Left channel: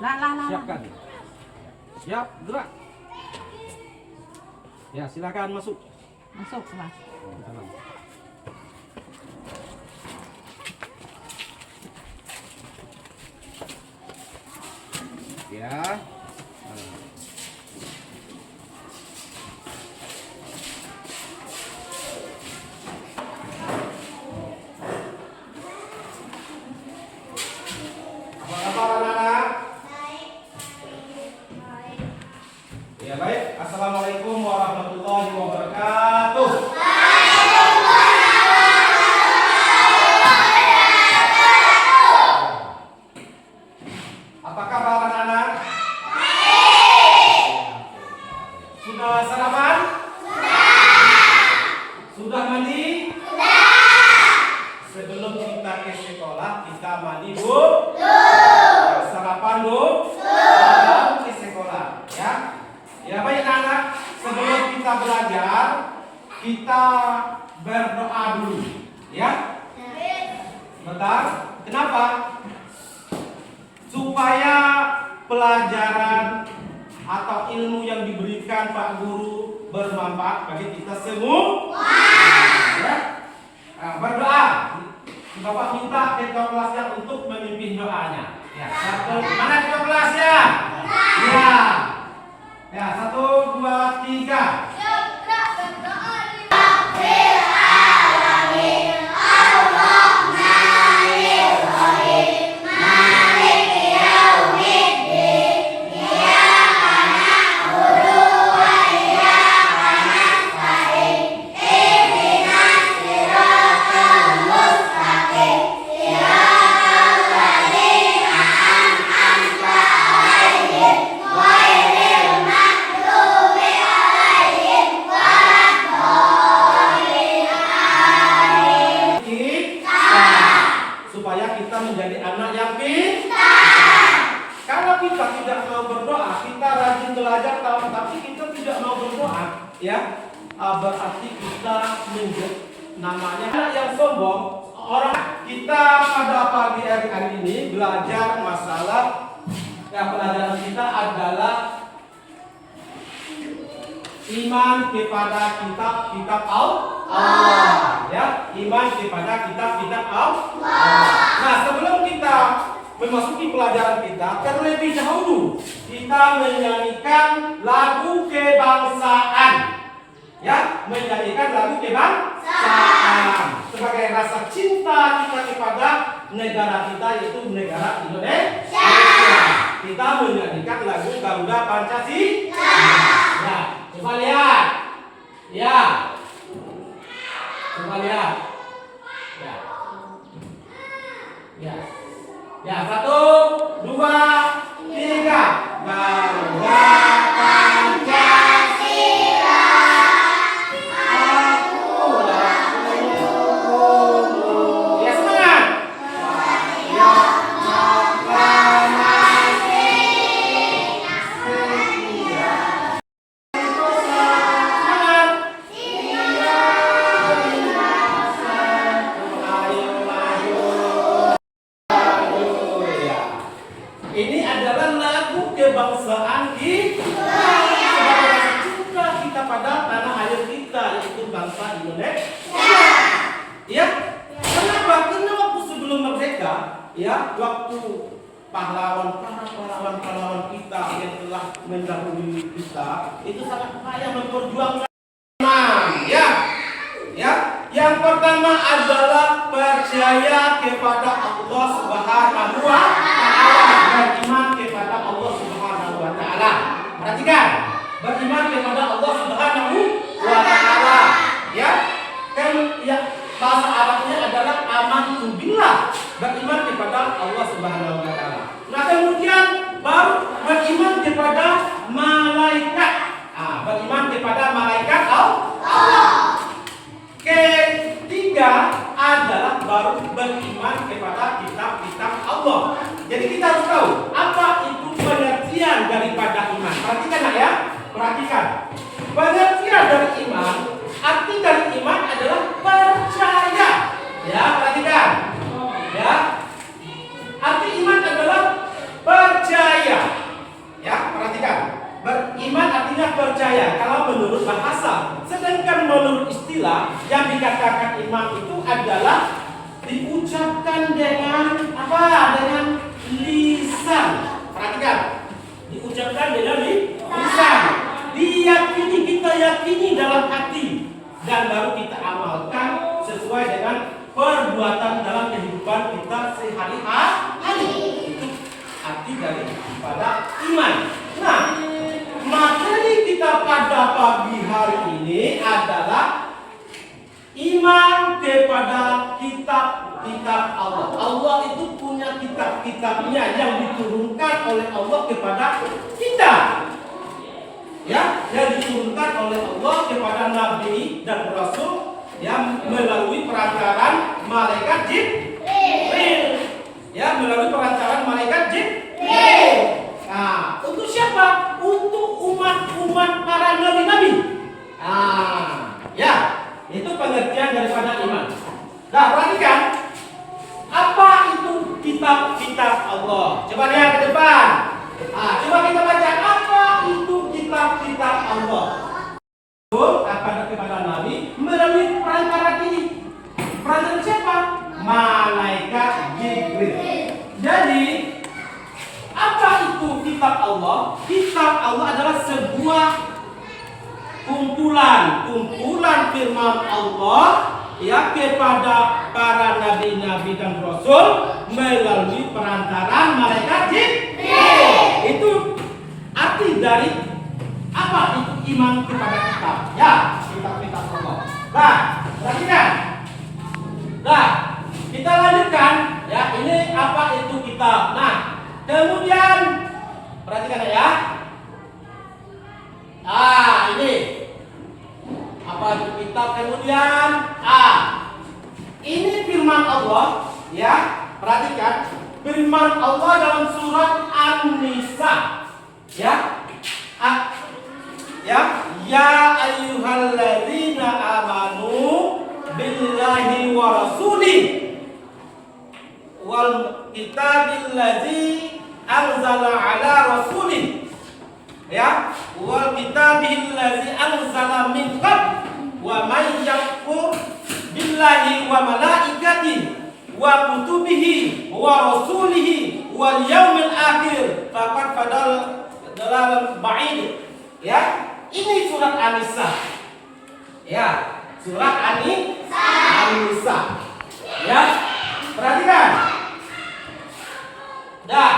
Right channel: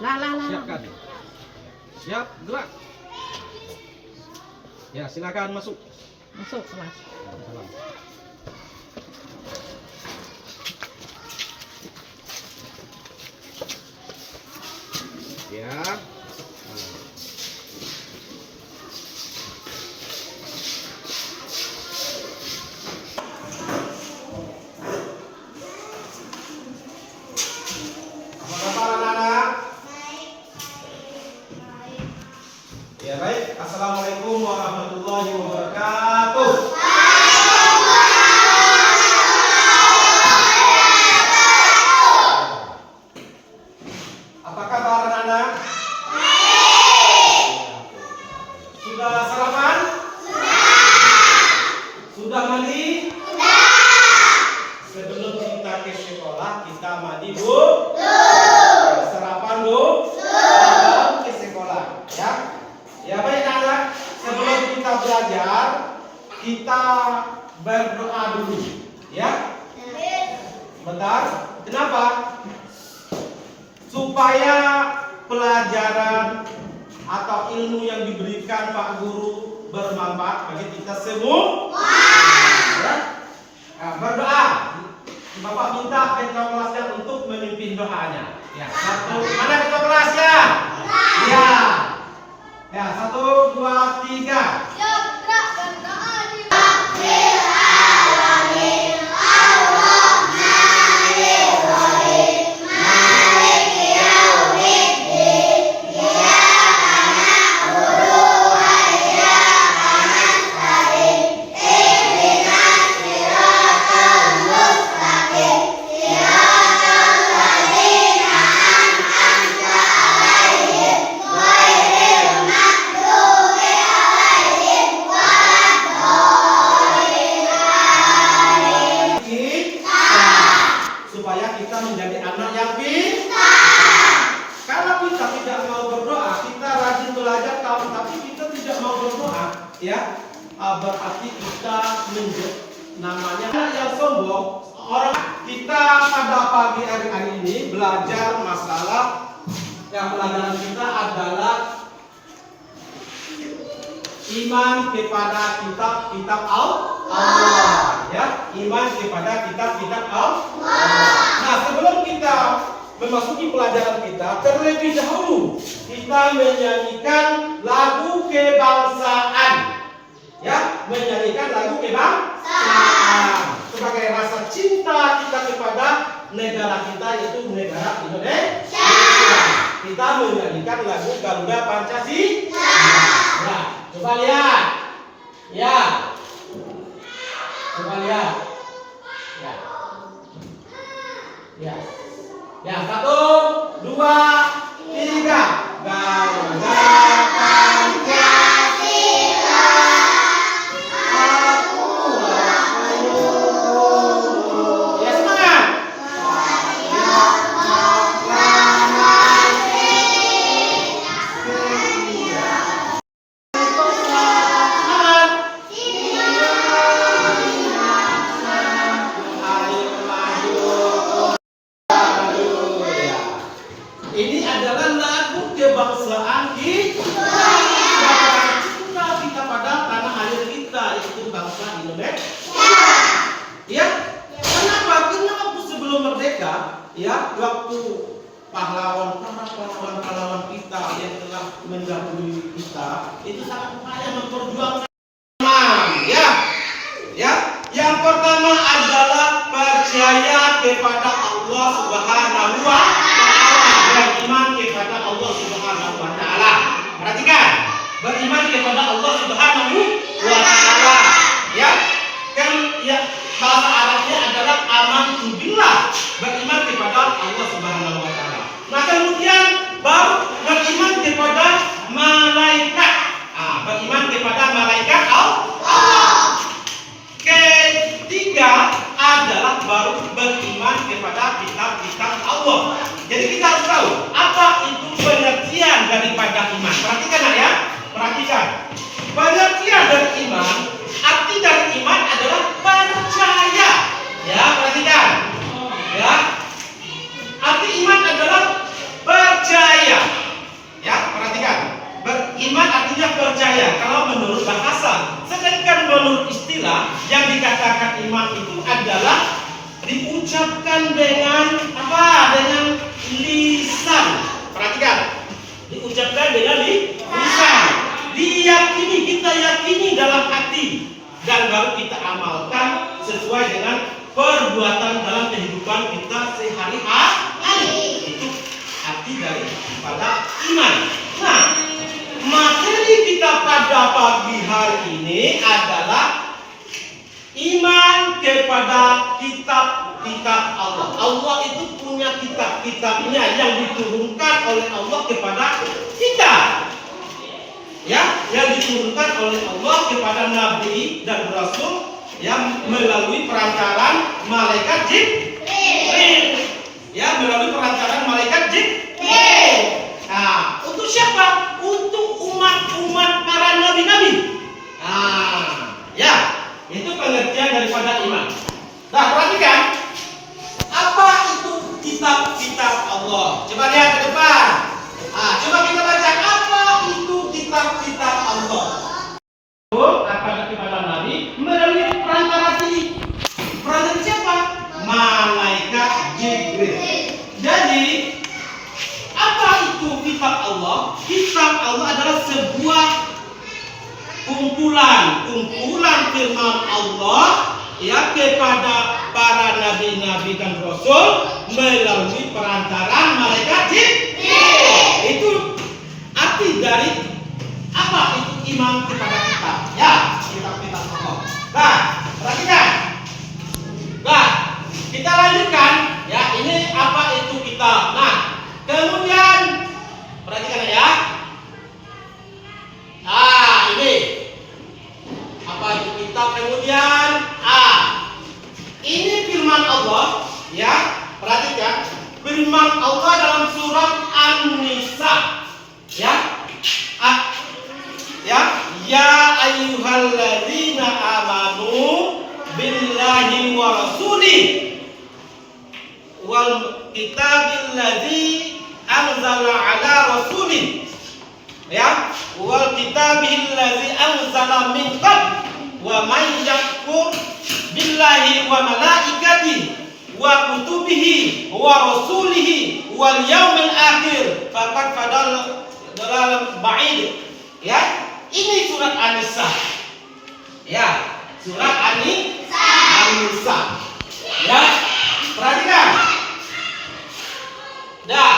Siapkan. Siap, gerak. Ya, silakan masuk. Masuk, Mas. Ya. Apa kabar anak-anak? Ya baik. Assalamualaikum warahmatullahi wabarakatuh. Apa kabar anak-anak? Sudah sarapan? Sudah mandi? Sebelum kita ke sekolah, kita mandi dulu. Sarapan dulu. Baru ke sekolah, ya. Ya baik anak, sebelum kita belajar, kita berdoa dulu, ya. Bentar. Kenapa? Supaya pelajaran atau ilmu yang diberikan Pak Guru bermanfaat bagi kita semua. Ya. Nah, berdoa. Bapak minta ketua kelasnya untuk memimpin doanya. Ya, satu. Mana ketua kelasnya? Ya. Ya, 1, 2, 3. Supaya kita menjadi anak yang pintar. Kalau kita tidak mau berdoa, kita rajin belajar tapi kita tidak mau berdoa, ya, berarti kita menjadi namanya anak yang sombong. Orang kita pada pagi hari ini belajar masalah yang pelajaran kita adalah iman kepada kitab Allah, ya, iman kepada kitab Allah. Nah, sebelum kita memasuki pelajaran kita, terlebih dahulu kita menyanyikan lagu kebangsaan, ya, menyanyikan lagu kebangsaan sebagai rasa cinta kita kepada negara kita, yaitu negara Indonesia. Kita menyanyikan lagu Garuda Pancasila. Ya, coba lihat. Ya. Coba lihat. Ya. Ya. Ya, 1, 2, 3. Garuda Pancasila. Ya, semangat. Ini adalah lagu kebangsaan kita. Cinta kita pada tanah air kita, yaitu bangsa Indonesia. Ya, kenapa? Karena waktu sebelum merdeka, ya, waktu para pahlawan kita yang telah mendahului kita, itu sangat payah memperjuangkan. Ya, ya. Yang pertama adalah percaya kepada Allah Subhanahu wa Ta'ala, beriman kepada Allah Subhanahu wa Ta'ala. Perhatikan, beriman kepada Allah Subhanahu wa Ta'ala. Ya, kan ya, bahasa Arabnya adalah amantu billah, beriman kepada Allah Subhanahu wa Ta'ala. Nah, kemudian baru beriman kepada malaikat. Beriman kepada malaikat Allah. Ketiga adalah baru beriman kepada kitab-kitab Allah. Jadi kita harus tahu apa itu pengertian daripada iman. Perhatikan ya, perhatikan. Pengertian dari iman, arti dari iman adalah percaya. Ya, perhatikan. Ya, arti iman adalah percaya. kepada iman. Nah, materi kita pada pagi hari ini adalah iman kepada kitab-kitab Allah. Allah itu punya kitab-kitabnya yang diturunkan oleh Allah kepada kita. Ya, yang diturunkan oleh Allah kepada nabi dan rasul yang melalui perantaran malaikat Jibril. Ya, melalui perantaran malaikat Jibril. Nah, untuk siapa? Untuk umat-umat para nabi-nabi. Ya, itu pengertian daripada iman. Nah, perhatikan apa itu kitab-kitab Allah. Coba lihat ke depan. Coba kita baca apa itu kitab-kitab Allah. Kepada Nabi melalui perantara ini. Perantara siapa? Malaikat Jibril. Jadi apa itu kitab Allah? Kitab Allah adalah sebuah kumpulan firman Allah ya kepada para nabi-nabi dan rasul melalui perantaran malaikat Jibril. Itu arti dari apa itu iman kepada kitab. Ya, kitab-kitab Allah. Nah, perhatikan. Nah, kita lanjutkan ya, ini apa itu kitab. Nah, kemudian perhatikan ya. Ini apa itu kitab. Kemudian ini firman Allah ya. Perhatikan firman Allah dalam surat An-Nisa ya. Ya ayyuhalladzina amanu billahi wa rasulih wal kitabil ladzi anzala ala rasulih ya wal kitabil ladzi anzala min qabl wa man yakfur billahi wa malaikatihi wa kutubihi wa rasulihi wal yaumil akhir faqad dalam ba'id. Ya, ini surat An-Nisa. Ya, surat An-Nisa. Ya, perhatikan. Nah,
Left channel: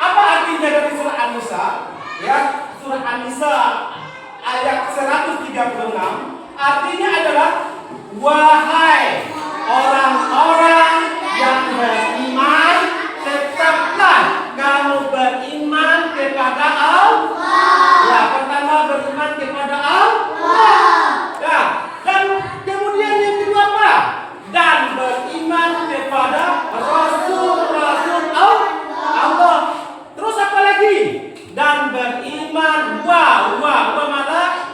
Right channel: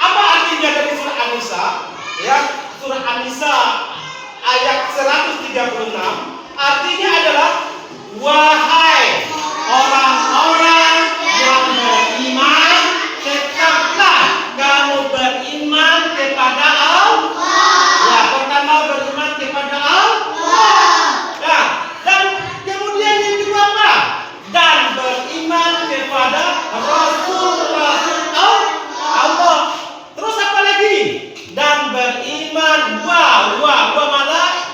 apa artinya dari surat An-Nisa? Ya, surat An-Nisa ayat 136 artinya adalah wahai orang-orang yang beriman, tetaplah kamu beriman kepada Allah. Ya, pertama beriman kepada Allah. Ya, dan kemudian yang kedua apa? Dan beriman kepada Rasul-Rasul Allah. Terus apa lagi? Dan beriman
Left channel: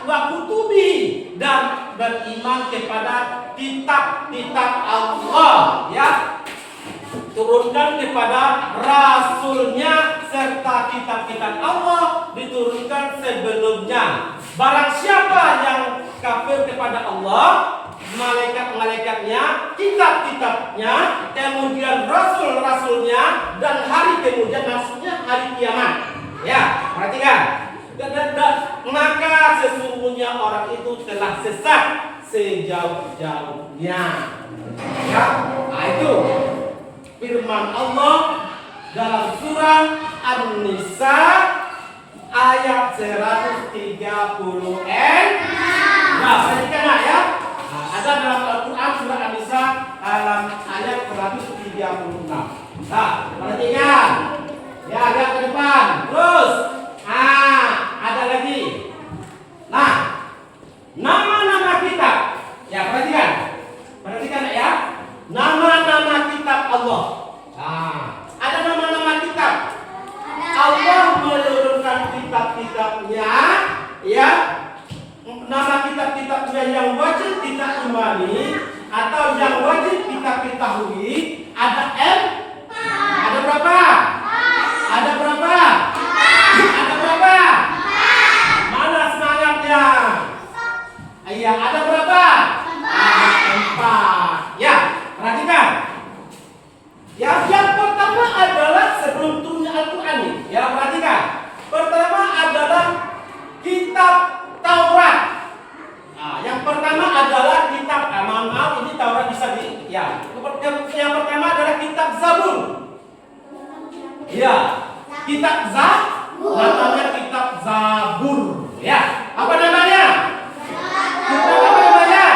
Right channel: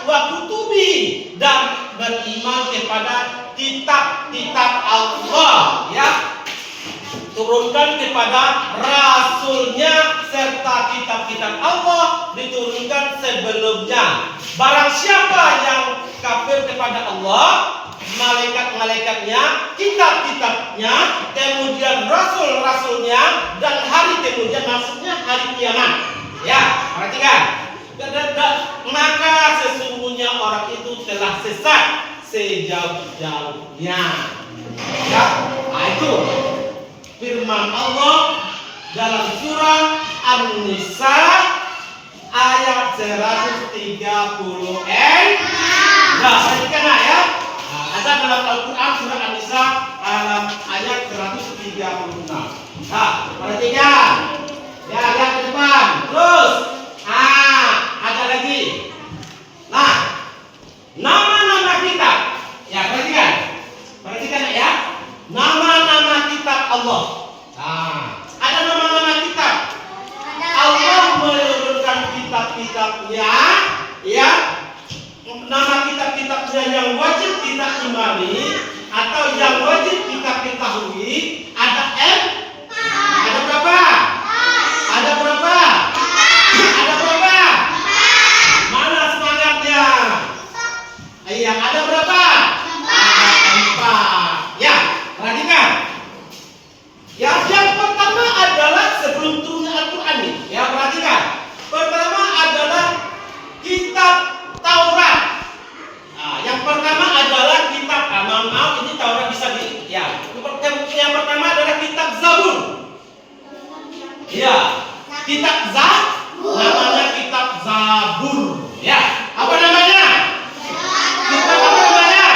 wa kutubi, dan beriman kepada kitab-kitab Allah ya, turunkan kepada rasulnya serta kitab-kitab Allah diturunkan sebelumnya. Barang siapa yang kafir kepada Allah, malaikat-malaikatnya, kitab-kitabnya, kemudian rasul-rasulnya, dan hari kemudian maksudnya hari kiamat. Ya, perhatikan. Maka sesungguhnya orang itu telah sesat sejauh-jauhnya. Ya, itu firman Allah dalam surah An-Nisa ayat 136. Nah, perhatikan ya. Ada dalam Al-Quran surah An-Nisa ayat 136. Nah, perhatikan. Ya, lihat ke depan. Terus, ada lagi. Nah, nama-nama kitab. Ya, perhatikan. Perhatikan ya. Nama-nama kitab Allah. Ada nama-nama kitab. Allah menurunkan kitab-kitabnya, ya. Nama kitab-kitabnya yang wajib kita imani atau yang wajib kita ketahui ada ada berapa? Ada berapa? Ada berapa? Mana semangatnya? Iya, ada berapa? Ada 4. Ya, perhatikan. Ya, yang pertama adalah sebelum turunnya Al-Quran ini. Ya, perhatikan. Pertama adalah kitab Taurat. Yang pertama adalah kitab. Maaf, ini Taurat bisa di. Ya, yang pertama Kitab namanya kitab Zabur. Ya, apa namanya? Kitab apa namanya?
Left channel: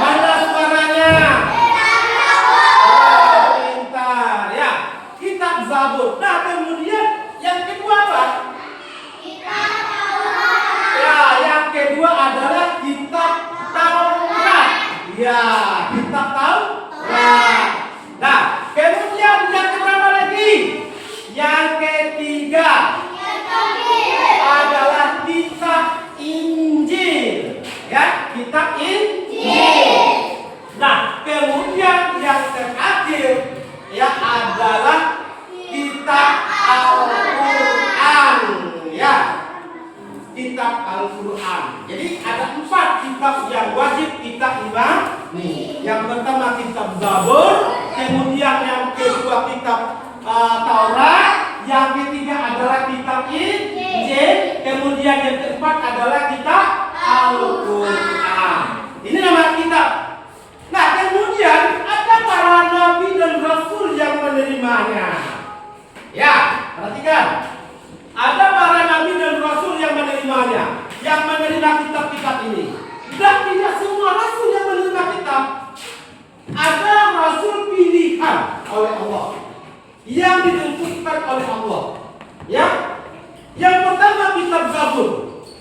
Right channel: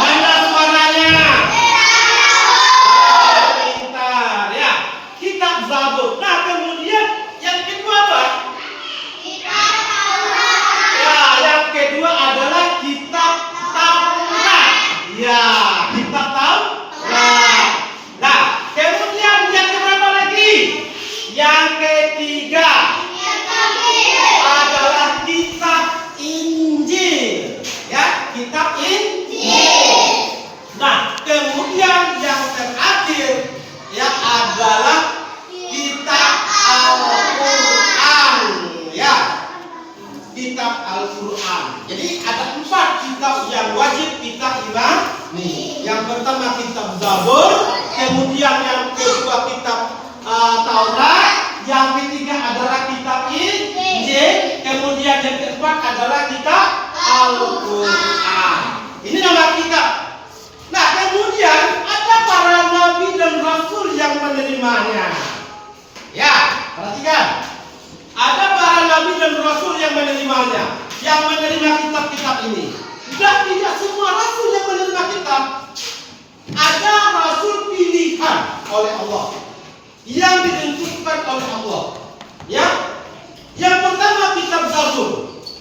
Mana suaranya? Oh, pintar. Ya, kitab Zabur. Nah, kemudian yang kedua apa? Ya, yang kedua adalah kitab Taurat. Ya, kitab Taurat. Nah, kemudian yang berapa lagi? Yang ketiga adalah kitab Injil. Ya, kitab Injil. Nah, kemudian yang terakhir ya adalah kitab Al-Quran. Ya, kitab Al-Quran. Jadi ada 4 kitab yang wajib kita imani. Yang pertama kitab Zabur, kemudian yang kedua kitab Taurat, yang ketiga adalah kitab Injil, kemudian yang keempat adalah kitab Al-Quran. Ini nama kitab. Nah, kemudian ada para nabi dan rasul yang menerimanya. Ya, perhatikan. Ada para nabi dan rasul yang menerimanya, yang menerima kitab-kitab ini. Dan tidak semua rasul yang menerima kitab. Ada rasul pilihan oleh Allah, yang ditentukan oleh Allah. Ya, yang pertama kitab Zabur.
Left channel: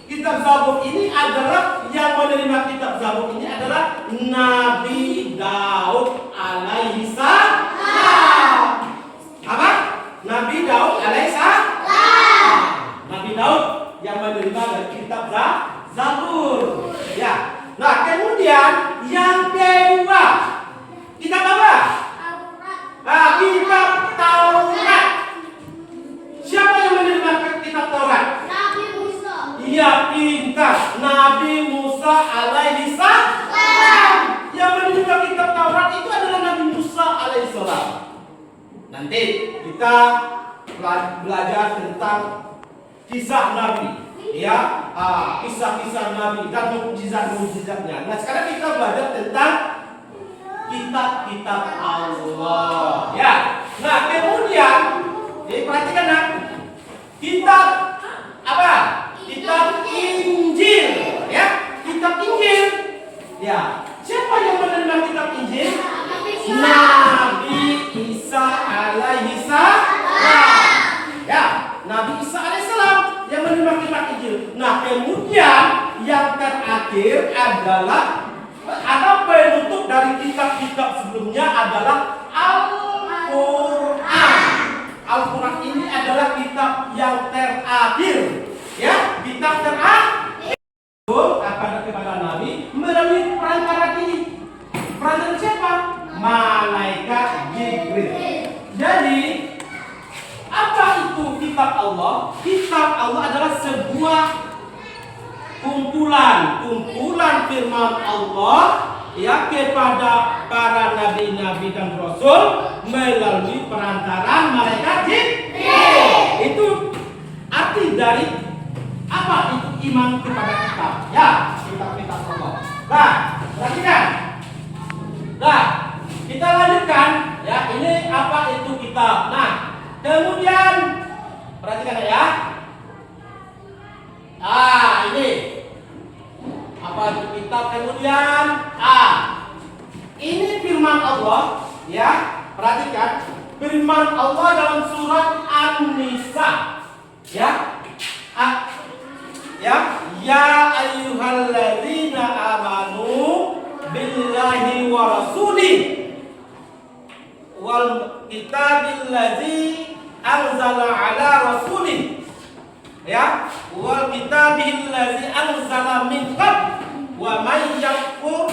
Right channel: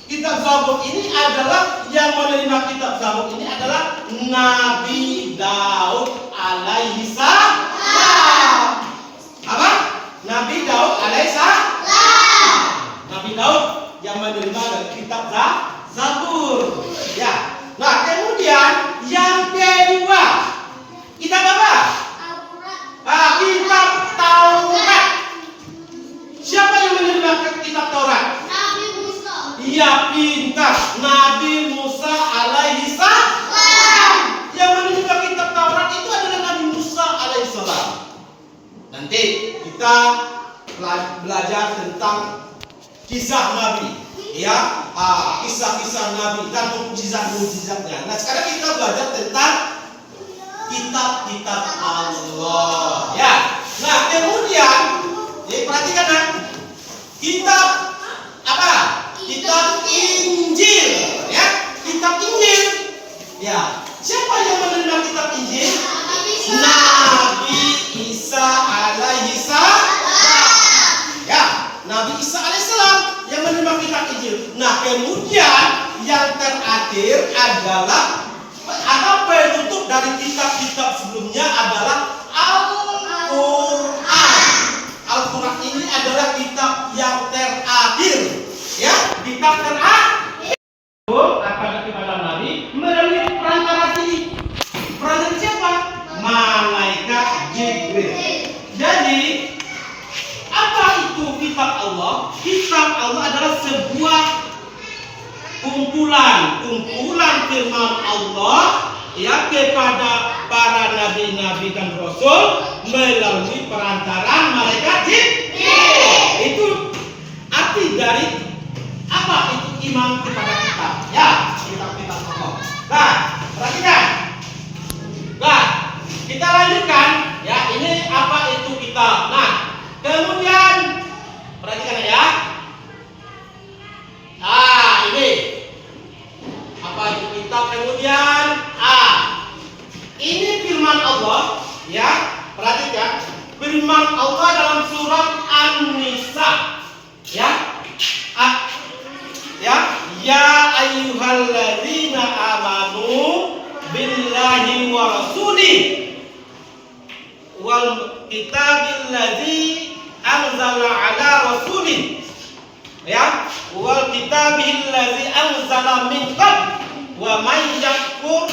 Kitab Zabur ini adalah yang menerima kitab Zabur ini adalah Nabi Daud alaihi salam. Apa? Nabi Daud alaihi salam. Nabi Daud yang menerima dari kitab Zabur. Ya. Nah, kemudian yang kedua kitab apa? Kitab Taurat. Siapa yang menerima kitab Taurat? Nabi Musa. Iya, pintar. Nabi Musa alaihi salam. Yang menerima kitab Taurat itu adalah Nabi Musa alaihi salam. Nanti kita belajar tentang kisah Nabi, ya, kisah-kisah Nabi dan mukjizat-mukjizatnya. Nah, sekarang kita belajar tentang kitab-kitab Allah. Ya. Nah, kemudian perhatikan nah, kitab apa? Kitab Injil, ya. Kitab Injil. Ya. Siapa yang menerima kitab Injil? Nabi Isa alaihi salam. Ya, Nabi Isa alaihi salam yang menerima kitab Injil. Nah, kemudian yang terakhir adalah ada penutup dari kitab-kitab sebelumnya adalah Al-Quran. Al-Quran ini adalah kitab yang terakhir. Ya, kitab terakhir. Kepada Nabi melalui perantara ini. Perantara siapa? Malaikat Jibril. Jadi, apa itu kitab Allah? Kitab Allah adalah sebuah kumpulan firman Allah ya kepada para nabi-nabi dan rasul melalui perantaraan malaikat Jibril. Itu arti dari apa itu iman kepada kitab. Ya, kitab-kitab Allah. Nah, perhatikan. Nah, kita lanjutkan ya, ini apa itu kitab. Nah, kemudian perhatikan ya. Ini apa itu kitab. Kemudian ini firman Allah ya. Perhatikan firman Allah dalam surat An-Nisa ya. Ya ayyuhalladzina amanu billahi wa rasuli wal kitabilladzi anzala ala rasuli ya wal kitabilladzi anzala min qabl wa may yakfur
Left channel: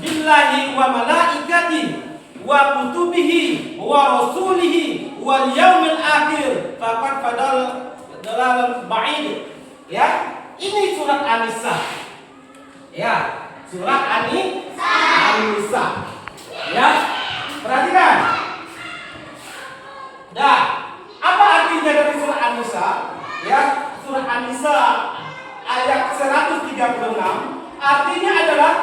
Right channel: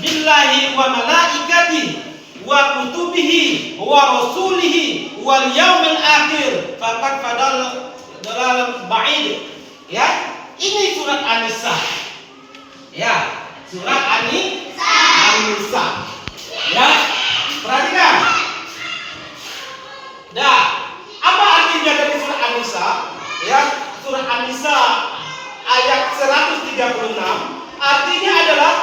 billahi wa malaikatihi wa kutubihi wa rasulihi wal yaumil akhir faqad fadal dalam ba'id. Ya, ini surat An-Nisa. Ya, surat An-Nisa. Ya, perhatikan. Nah, apa artinya dari surat An-Nisa? Ya, surat An-Nisa ayat 136 artinya adalah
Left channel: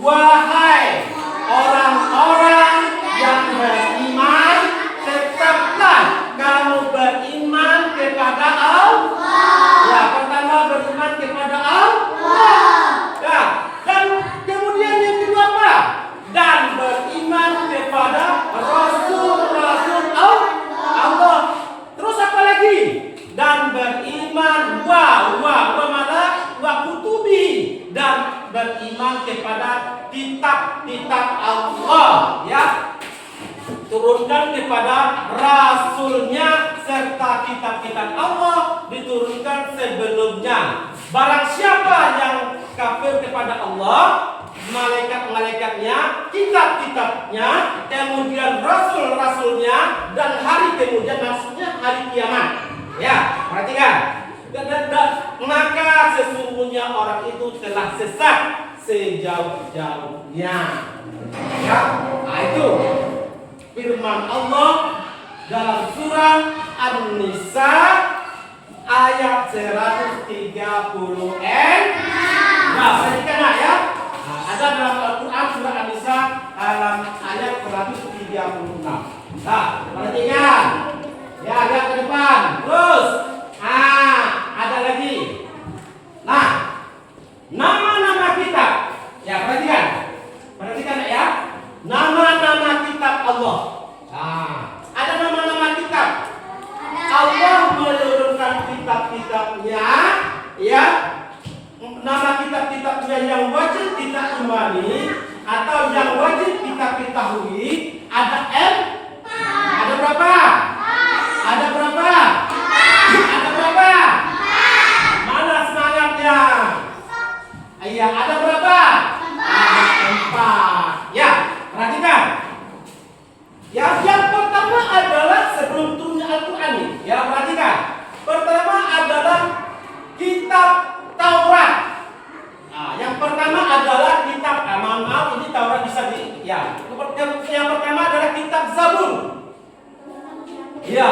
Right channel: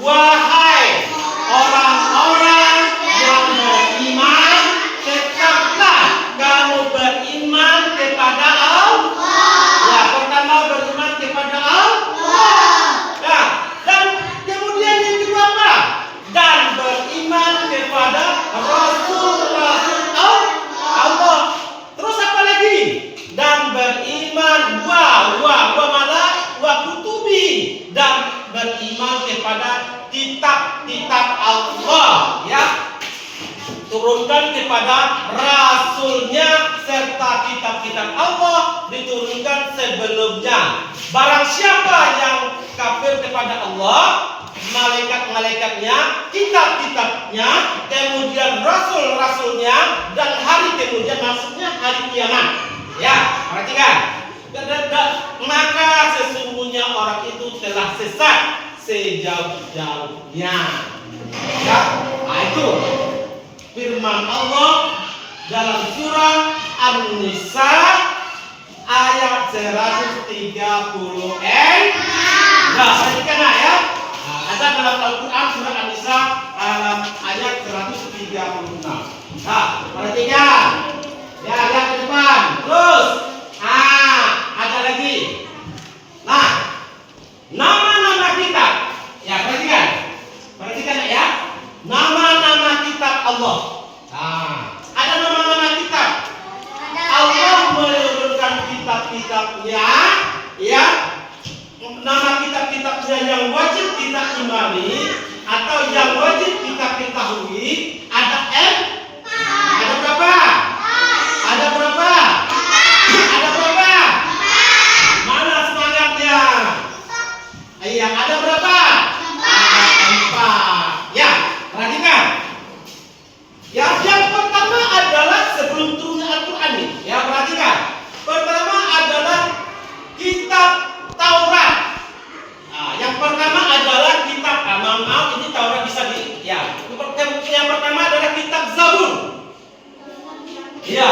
wahai orang-orang yang beriman, tetaplah kamu beriman kepada Allah. Ya, pertama beriman kepada Allah. Ya, dan kemudian yang kedua apa? Dan beriman kepada Rasul-Rasul Allah. Terus apa lagi? Dan beriman wa kutubi, dan beriman kepada kitab-kitab Allah, ya, turunkan kepada Rasulnya, serta kitab-kitab Allah diturunkan sebelumnya. Barang siapa yang kafir kepada Allah, malaikat-malaikatnya, kitab-kitabnya, kemudian rasul-rasulnya, dan hari kemudian, maksudnya hari kiamat. Ya, perhatikan. Maka sesungguhnya orang itu telah sesat sejauh-jauhnya. Ya, nah itu firman Allah dalam surah An-Nisa ayat 136. Nah, perhatikan ya. Nah, ada dalam Al-Quran surah An-Nisa ayat 136. Nah, perhatikan. Ya, lihat ke depan. Terus, ada lagi. Nah, nama-nama kitab. Ya, perhatikan. Perhatikan ya. Nama-nama kitab Allah. Nah, ada nama-nama kitab. Allah menurunkan kitab-kitabnya, ya. Nama kitab-kitabnya yang wajib kita imani atau yang wajib kita ketahui ada M. Ada berapa? Ada berapa? Ada berapa? Mana semangatnya? Iya, ada berapa? Ada 4. Ya, perhatikan. Ya, yang pertama adalah sebelum turunnya Al-Quran nih. Ya, perhatikan. Pertama adalah kitab Taurat. Nah, yang pertama adalah kitab, maaf ini Taurat bisa di, ya. Yang pertama adalah kitab Zabur. Ya,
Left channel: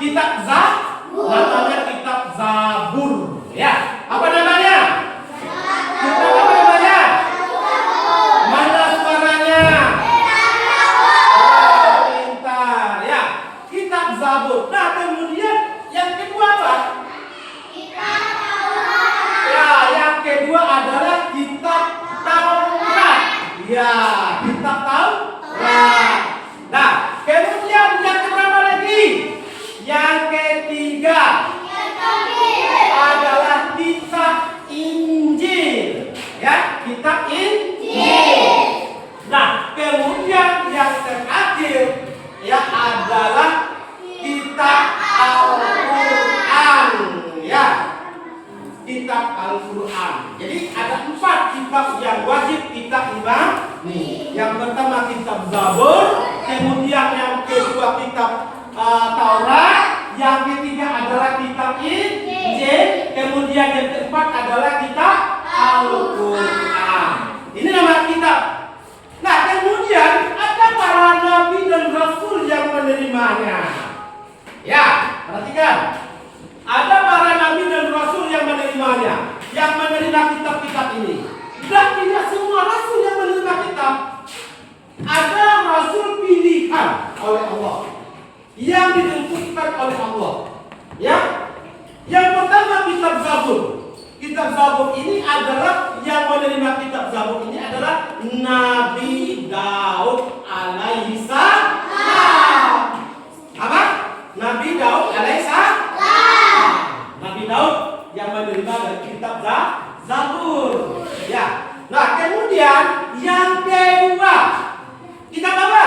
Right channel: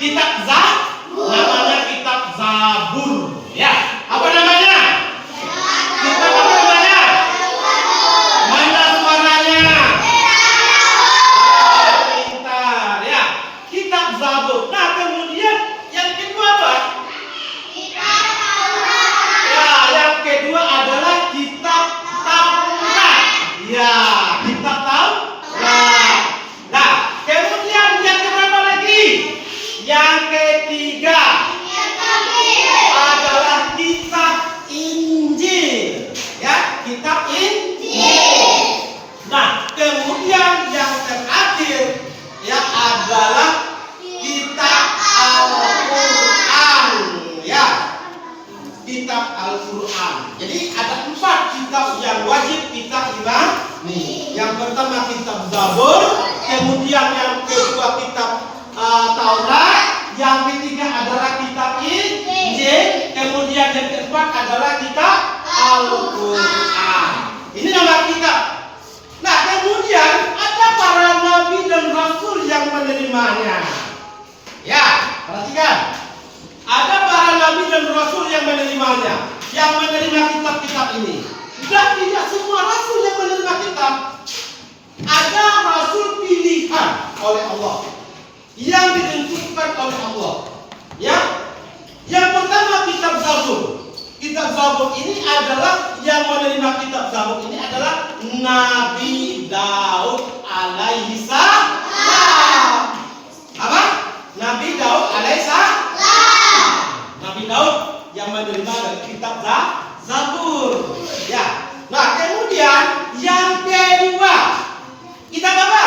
kitab Zabur. Namanya kitab Zabur. Ya, apa namanya? Kitab apa namanya? Mana suaranya? Pintar. Ya, kitab Zabur. Nah, kemudian yang kedua apa? Ya, yang kedua adalah kitab Taurat. Ya, kitab Taurat. Nah, kemudian yang keberapa lagi? Yang ketiga adalah kitab Injil. Ya, kitab Injil. Nah, kemudian yang terakhir ya adalah kitab Al-Quran. Ya, kitab Al-Quran. Jadi ada 4 kitab yang wajib kita imani. Yang pertama kitab Zabur, kemudian yang kedua kitab Taurat, yang ketiga adalah kitab Injil, kemudian yang keempat adalah kitab Al-Quran. Ini nama kitab. Nah, kemudian ada para nabi dan rasul yang menerimanya. Ya, perhatikan. Ada para nabi dan rasul yang menerimanya, yang menerima kitab-kitab ini. Dan tidak semua rasul yang menerima kitab. Ada rasul pilihan oleh Allah, yang ditentukan oleh Allah. Ya, yang pertama kitab Zabur. Kitab Zabur ini adalah yang menerima kitab Zabur ini adalah Nabi Daud alaihi salam. Apa? Nabi Daud alaihi salam. Nabi Daud yang menerima dari kitab Zabur. Ya. Nah, kemudian yang kedua, kitab apa?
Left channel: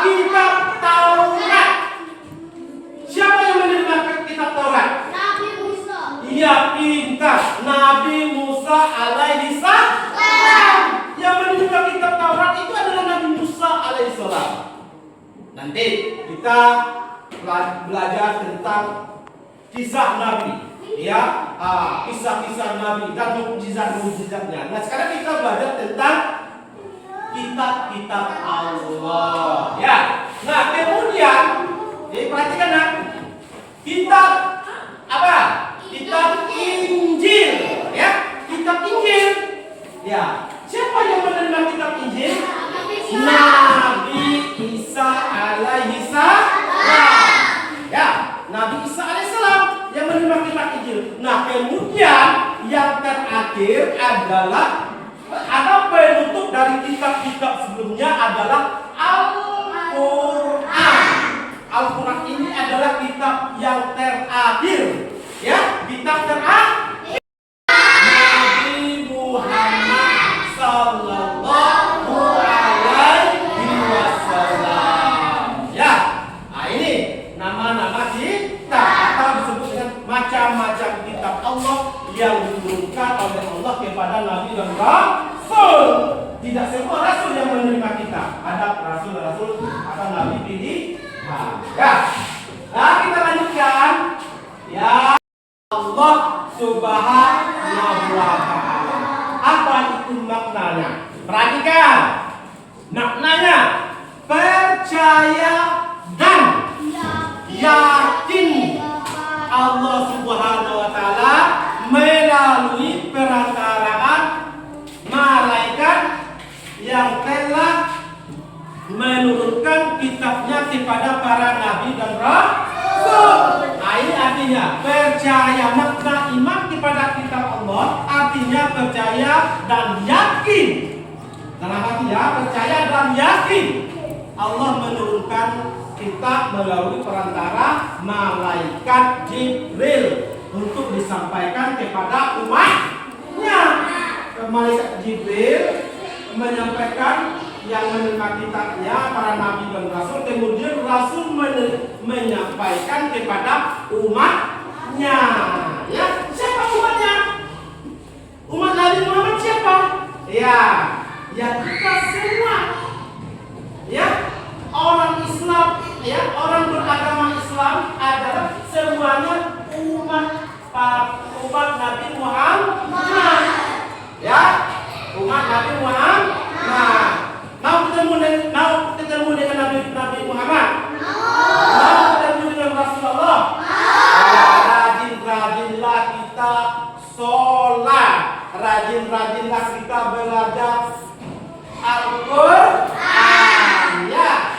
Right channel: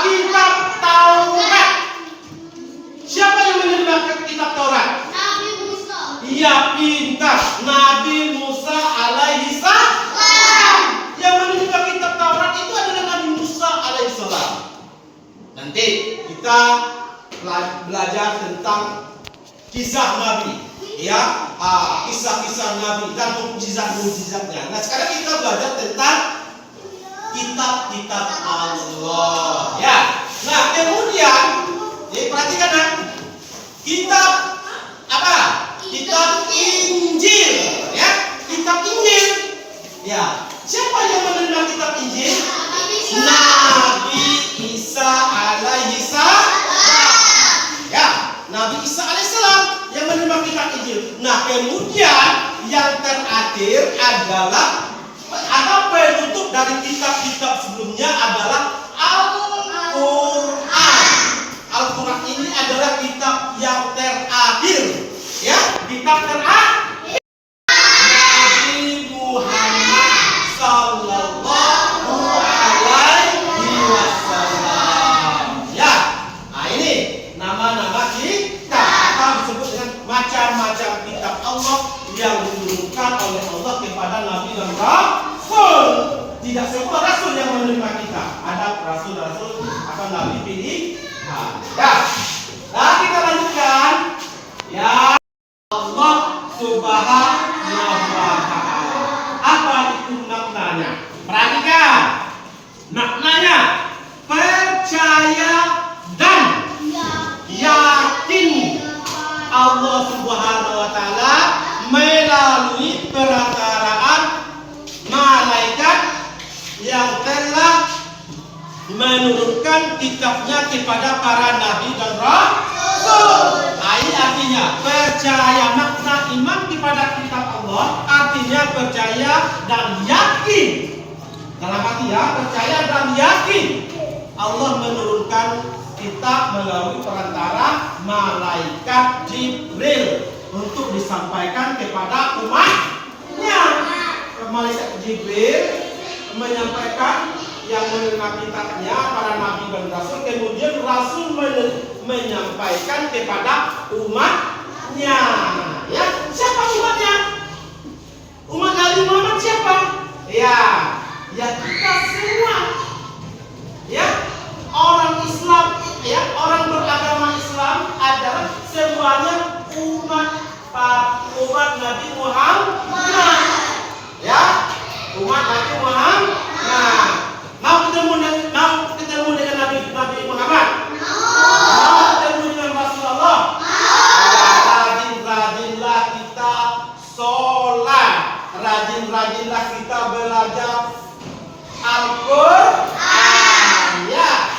Kitab Taurat. Siapa yang menerima kitab Taurat? Nabi Musa. Iya, pintar. Nabi Musa alaihi salam. Yang menerima kitab Taurat itu adalah Nabi Musa alaihi salam. Nanti kita belajar tentang kisah Nabi, ya, kisah-kisah Nabi dan mukjizat-mukjizatnya. Nah, sekarang kita belajar tentang kitab-kitab Allah. Ya. Nah, kemudian perhatikan nah, kitab apa? Kitab Injil, ya. Kitab Injil. Ya. Siapa yang menerima kitab Injil? Nabi Isa alaihi salam. Ya, Nabi Isa menerima kitab Injil. Nah, kemudian yang terakhir adalah ada penutup dari kitab-kitab sebelumnya adalah Al-Quran. Al-Quran ini adalah kitab yang terakhir, ya, kitab terakhir Nabi Muhammad Sallallahu Alaihi Wasallam. Ya, nah ini nama-nama kitab atau disebut dengan macam-macam kitab Allah yang diturunkan oleh Allah kepada Nabi dan Rasul. Tidak semua Rasul yang menerima kitab. Ada Rasul-Rasul atau Nabi pilihan. Ya, nah kita lanjutkan. Ya, Allah Subhanahu wa Ta'ala. Apa itu maknanya? Perhatikan. Maknanya percaya dan yakin Allah Subhanahu wa Ta'ala melalui perantaraan malaikat yang telah menurunkan kitabnya kepada para nabi dan rasul. Nah, ini artinya percaya, makna iman kepada kitab Allah artinya percaya dan yakin. Dalam arti ya, percaya dan yakin Allah menurunkan kitab melalui perantara malaikat Jibril untuk disampaikan kepada umatnya. Malaikat Jibril menyampaikan yang menerima kitabnya para nabi dan rasul, kemudian rasul menyampaikan kepada umatnya. Ya, siapa umatnya? Umat Nabi Muhammad siapa? Ya, ya kita semua. Ya, orang Islam, ya, orang beragama Islam adalah semuanya umat Nabi Muhammad. Ya, umat Nabi Muhammad. Nah, mau ketemu dengan Nabi Muhammad? Mau ketemu dengan Rasulullah? Rajin-rajinlah kita sholat, rajin-rajinlah kita belajar Al-Quran. Ya,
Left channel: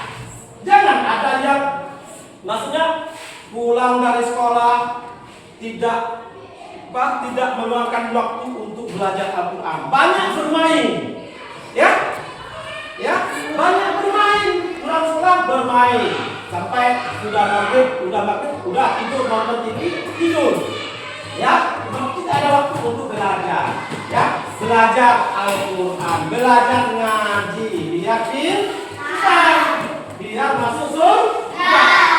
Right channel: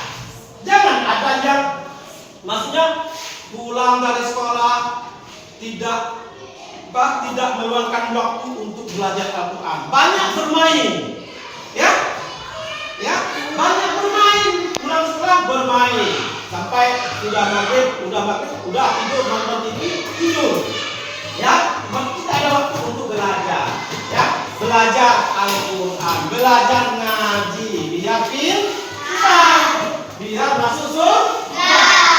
jangan ada yang maksudnya pulang dari sekolah tidak meluangkan waktu untuk belajar Al-Quran. Banyak bermain, ya, banyak bermain. Pulang sekolah bermain sampai sudah maghrib, udah tidur, nonton TV, tidur. Ya, tidak ada waktu untuk belajar. Ya, belajar Al-Quran, belajar ngaji, biar masuk surga.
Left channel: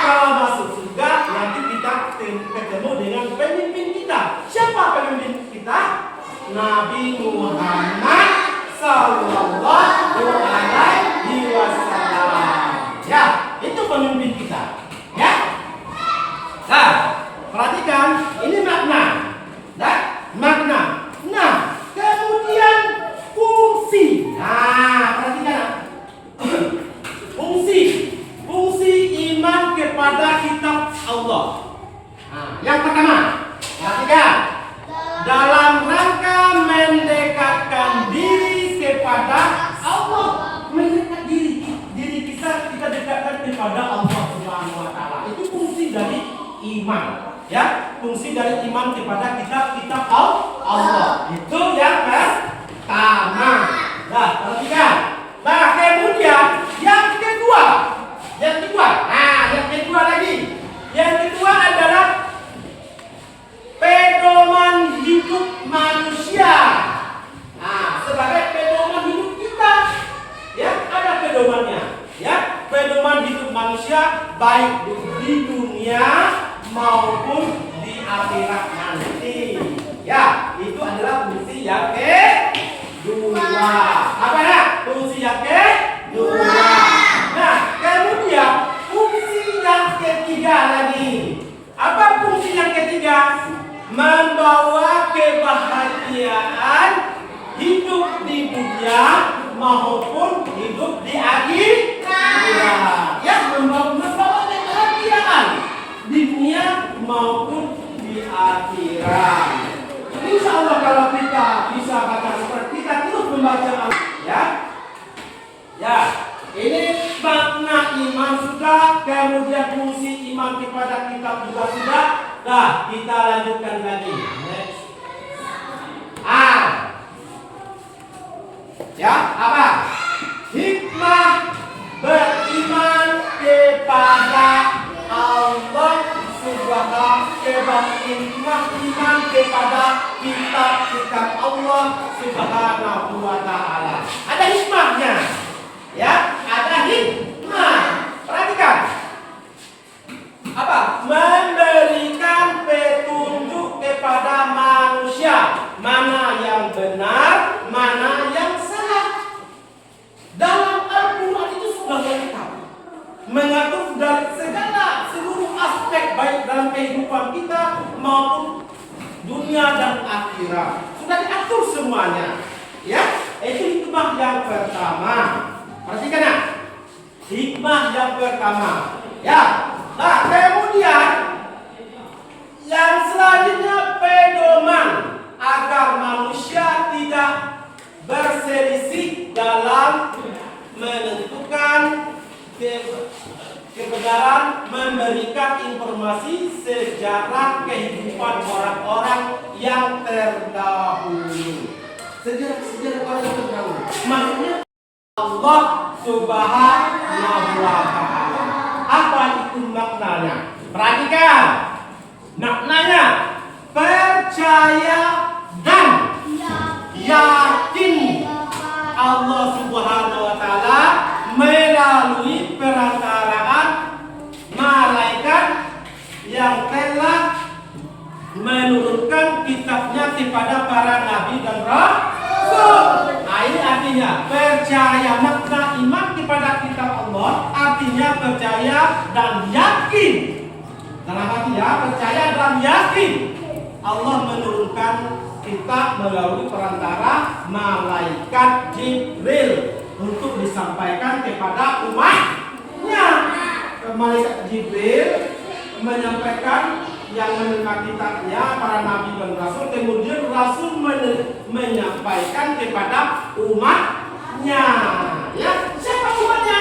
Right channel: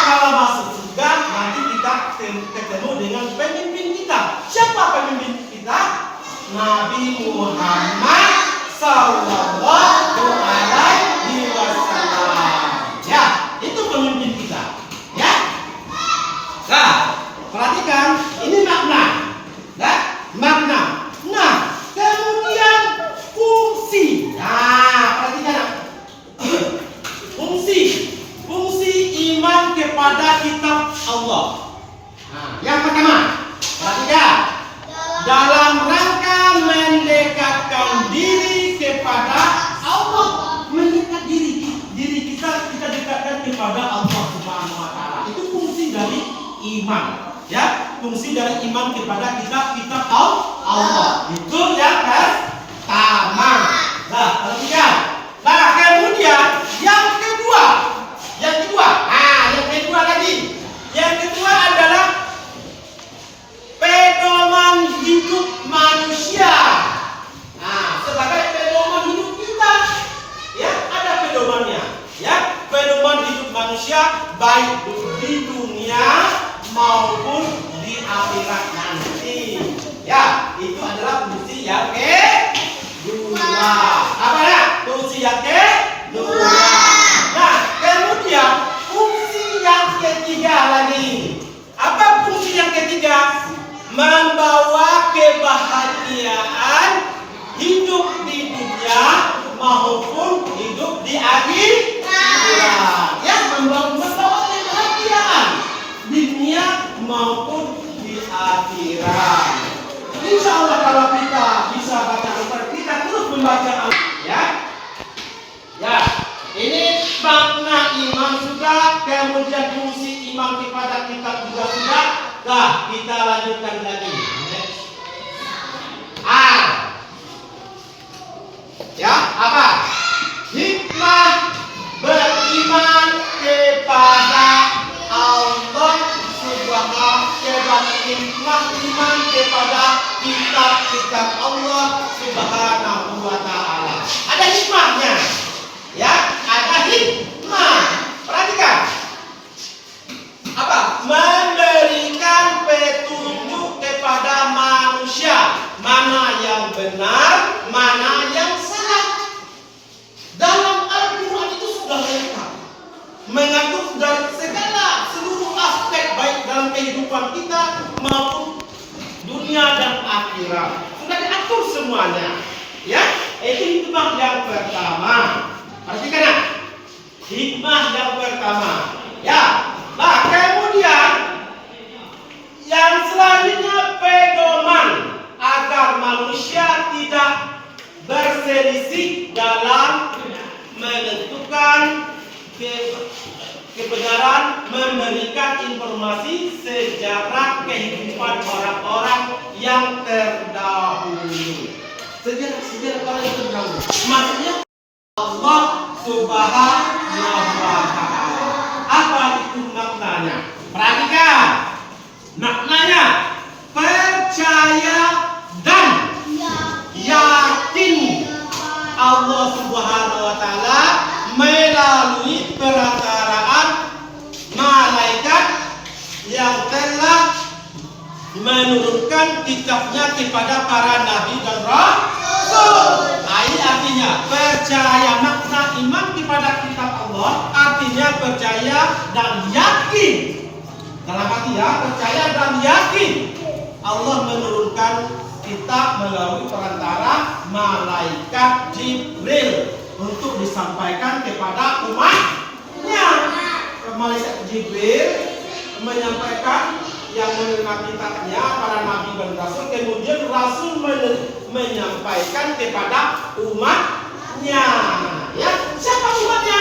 Kalau masuk surga, nanti kita ketemu dengan pemimpin kita. Siapa pemimpin kita? Nabi Muhammad Sallallahu Alaihi Wasallam. Ya, itu pemimpin kita. Ya. Nah, perhatikan ini makna. Nah, makna. Nah, kemudian fungsi. Nah, perhatikan. Fungsi iman kepada kitab Allah. Nah, yang pertama, perhatikan. Dalam rangka mendekatkan diri kepada Allah, mendekat diri kita dekatkan kepada Allah Subhanahu wa Ta'ala. Itu fungsi dari iman. Ya, fungsi dari iman kepada kitab Allah. Itu yang pertama. Nah, perhatikan. Nah, kemudian yang kedua. Nah, yang kedua lagi. Yang kedua adalah pedoman hidup manusia. Nah, sebagai pedoman hidup kita, ya, ada pedomannya. Ya, pedoman hidup manusia baik di dunia maupun di akhirat nanti. Ya, itu adalah fungsi yang kedua. Apa ya? Fungsi yang kedua. Nah, kemudian fungsi yang ketiga lagi. Apa fungsi yang ketiga? Membawa kebahagiaan hidup di dunia maupun hidup di akhirat. Ya, membawa kebahagiaan di dunia maupun di akhirat. Insya Allah kalau kita bisa baca Al-Quran, kita terus membaca Al-Quran. Ya, ini makna iman sudah, kemudian fungsi iman kepada kitab juga sudah. Nah, kita lanjutkan lagi. Next. R. Ya, apa? Hikmah beriman kepada Allah Subhanahu hikmah iman kepada kitab-kitab Allah Subhanahu wa taala. Ada hikmahnya. Ya, ada hikmah. Perhatikan. Apa? Memberikan petunjuk kepada manusia, mana yang benar, mana yang salah. Dalam Al-Quran itu sudah lengkap, mengatur dari segala seluruh aspek baik dalam kehidupan kita maupun dunia dan akhirat. Sudah diatur semuanya. Ya, itu hikmah yang pertama. Perhatikan ya. Hikmah yang pertama. Ya. Nah, kemudian yang selanjutnya pedoman agar manusia tidak berselisih dalam menentukan kebenaran, memberikan informasi sejarah kehidupan orang-orang yang terdahulu. Sejarah orang yang terdahulu. Maksudnya Allah Subhanahu wa taala. Apa itu maknanya? Perhatikan. Maknanya percaya dan yakin Allah Subhanahu wa taala melalui perantaraan malaikat yang telah menurunkan kitabnya kepada para nabi dan rasul. Ini artinya percaya, makna iman kepada kitab Allah artinya percaya dan yakin. Dalam arti ya, percaya dan yakin Allah menurunkan kitab melalui perantara malaikat Jibril untuk disampaikan kepada umatnya. Malaikat Jibril menyampaikan yang menurunkan kitabnya para nabi dan rasul, kemudian rasul menyampaikan kepada umatnya. Ya, siapa umatnya?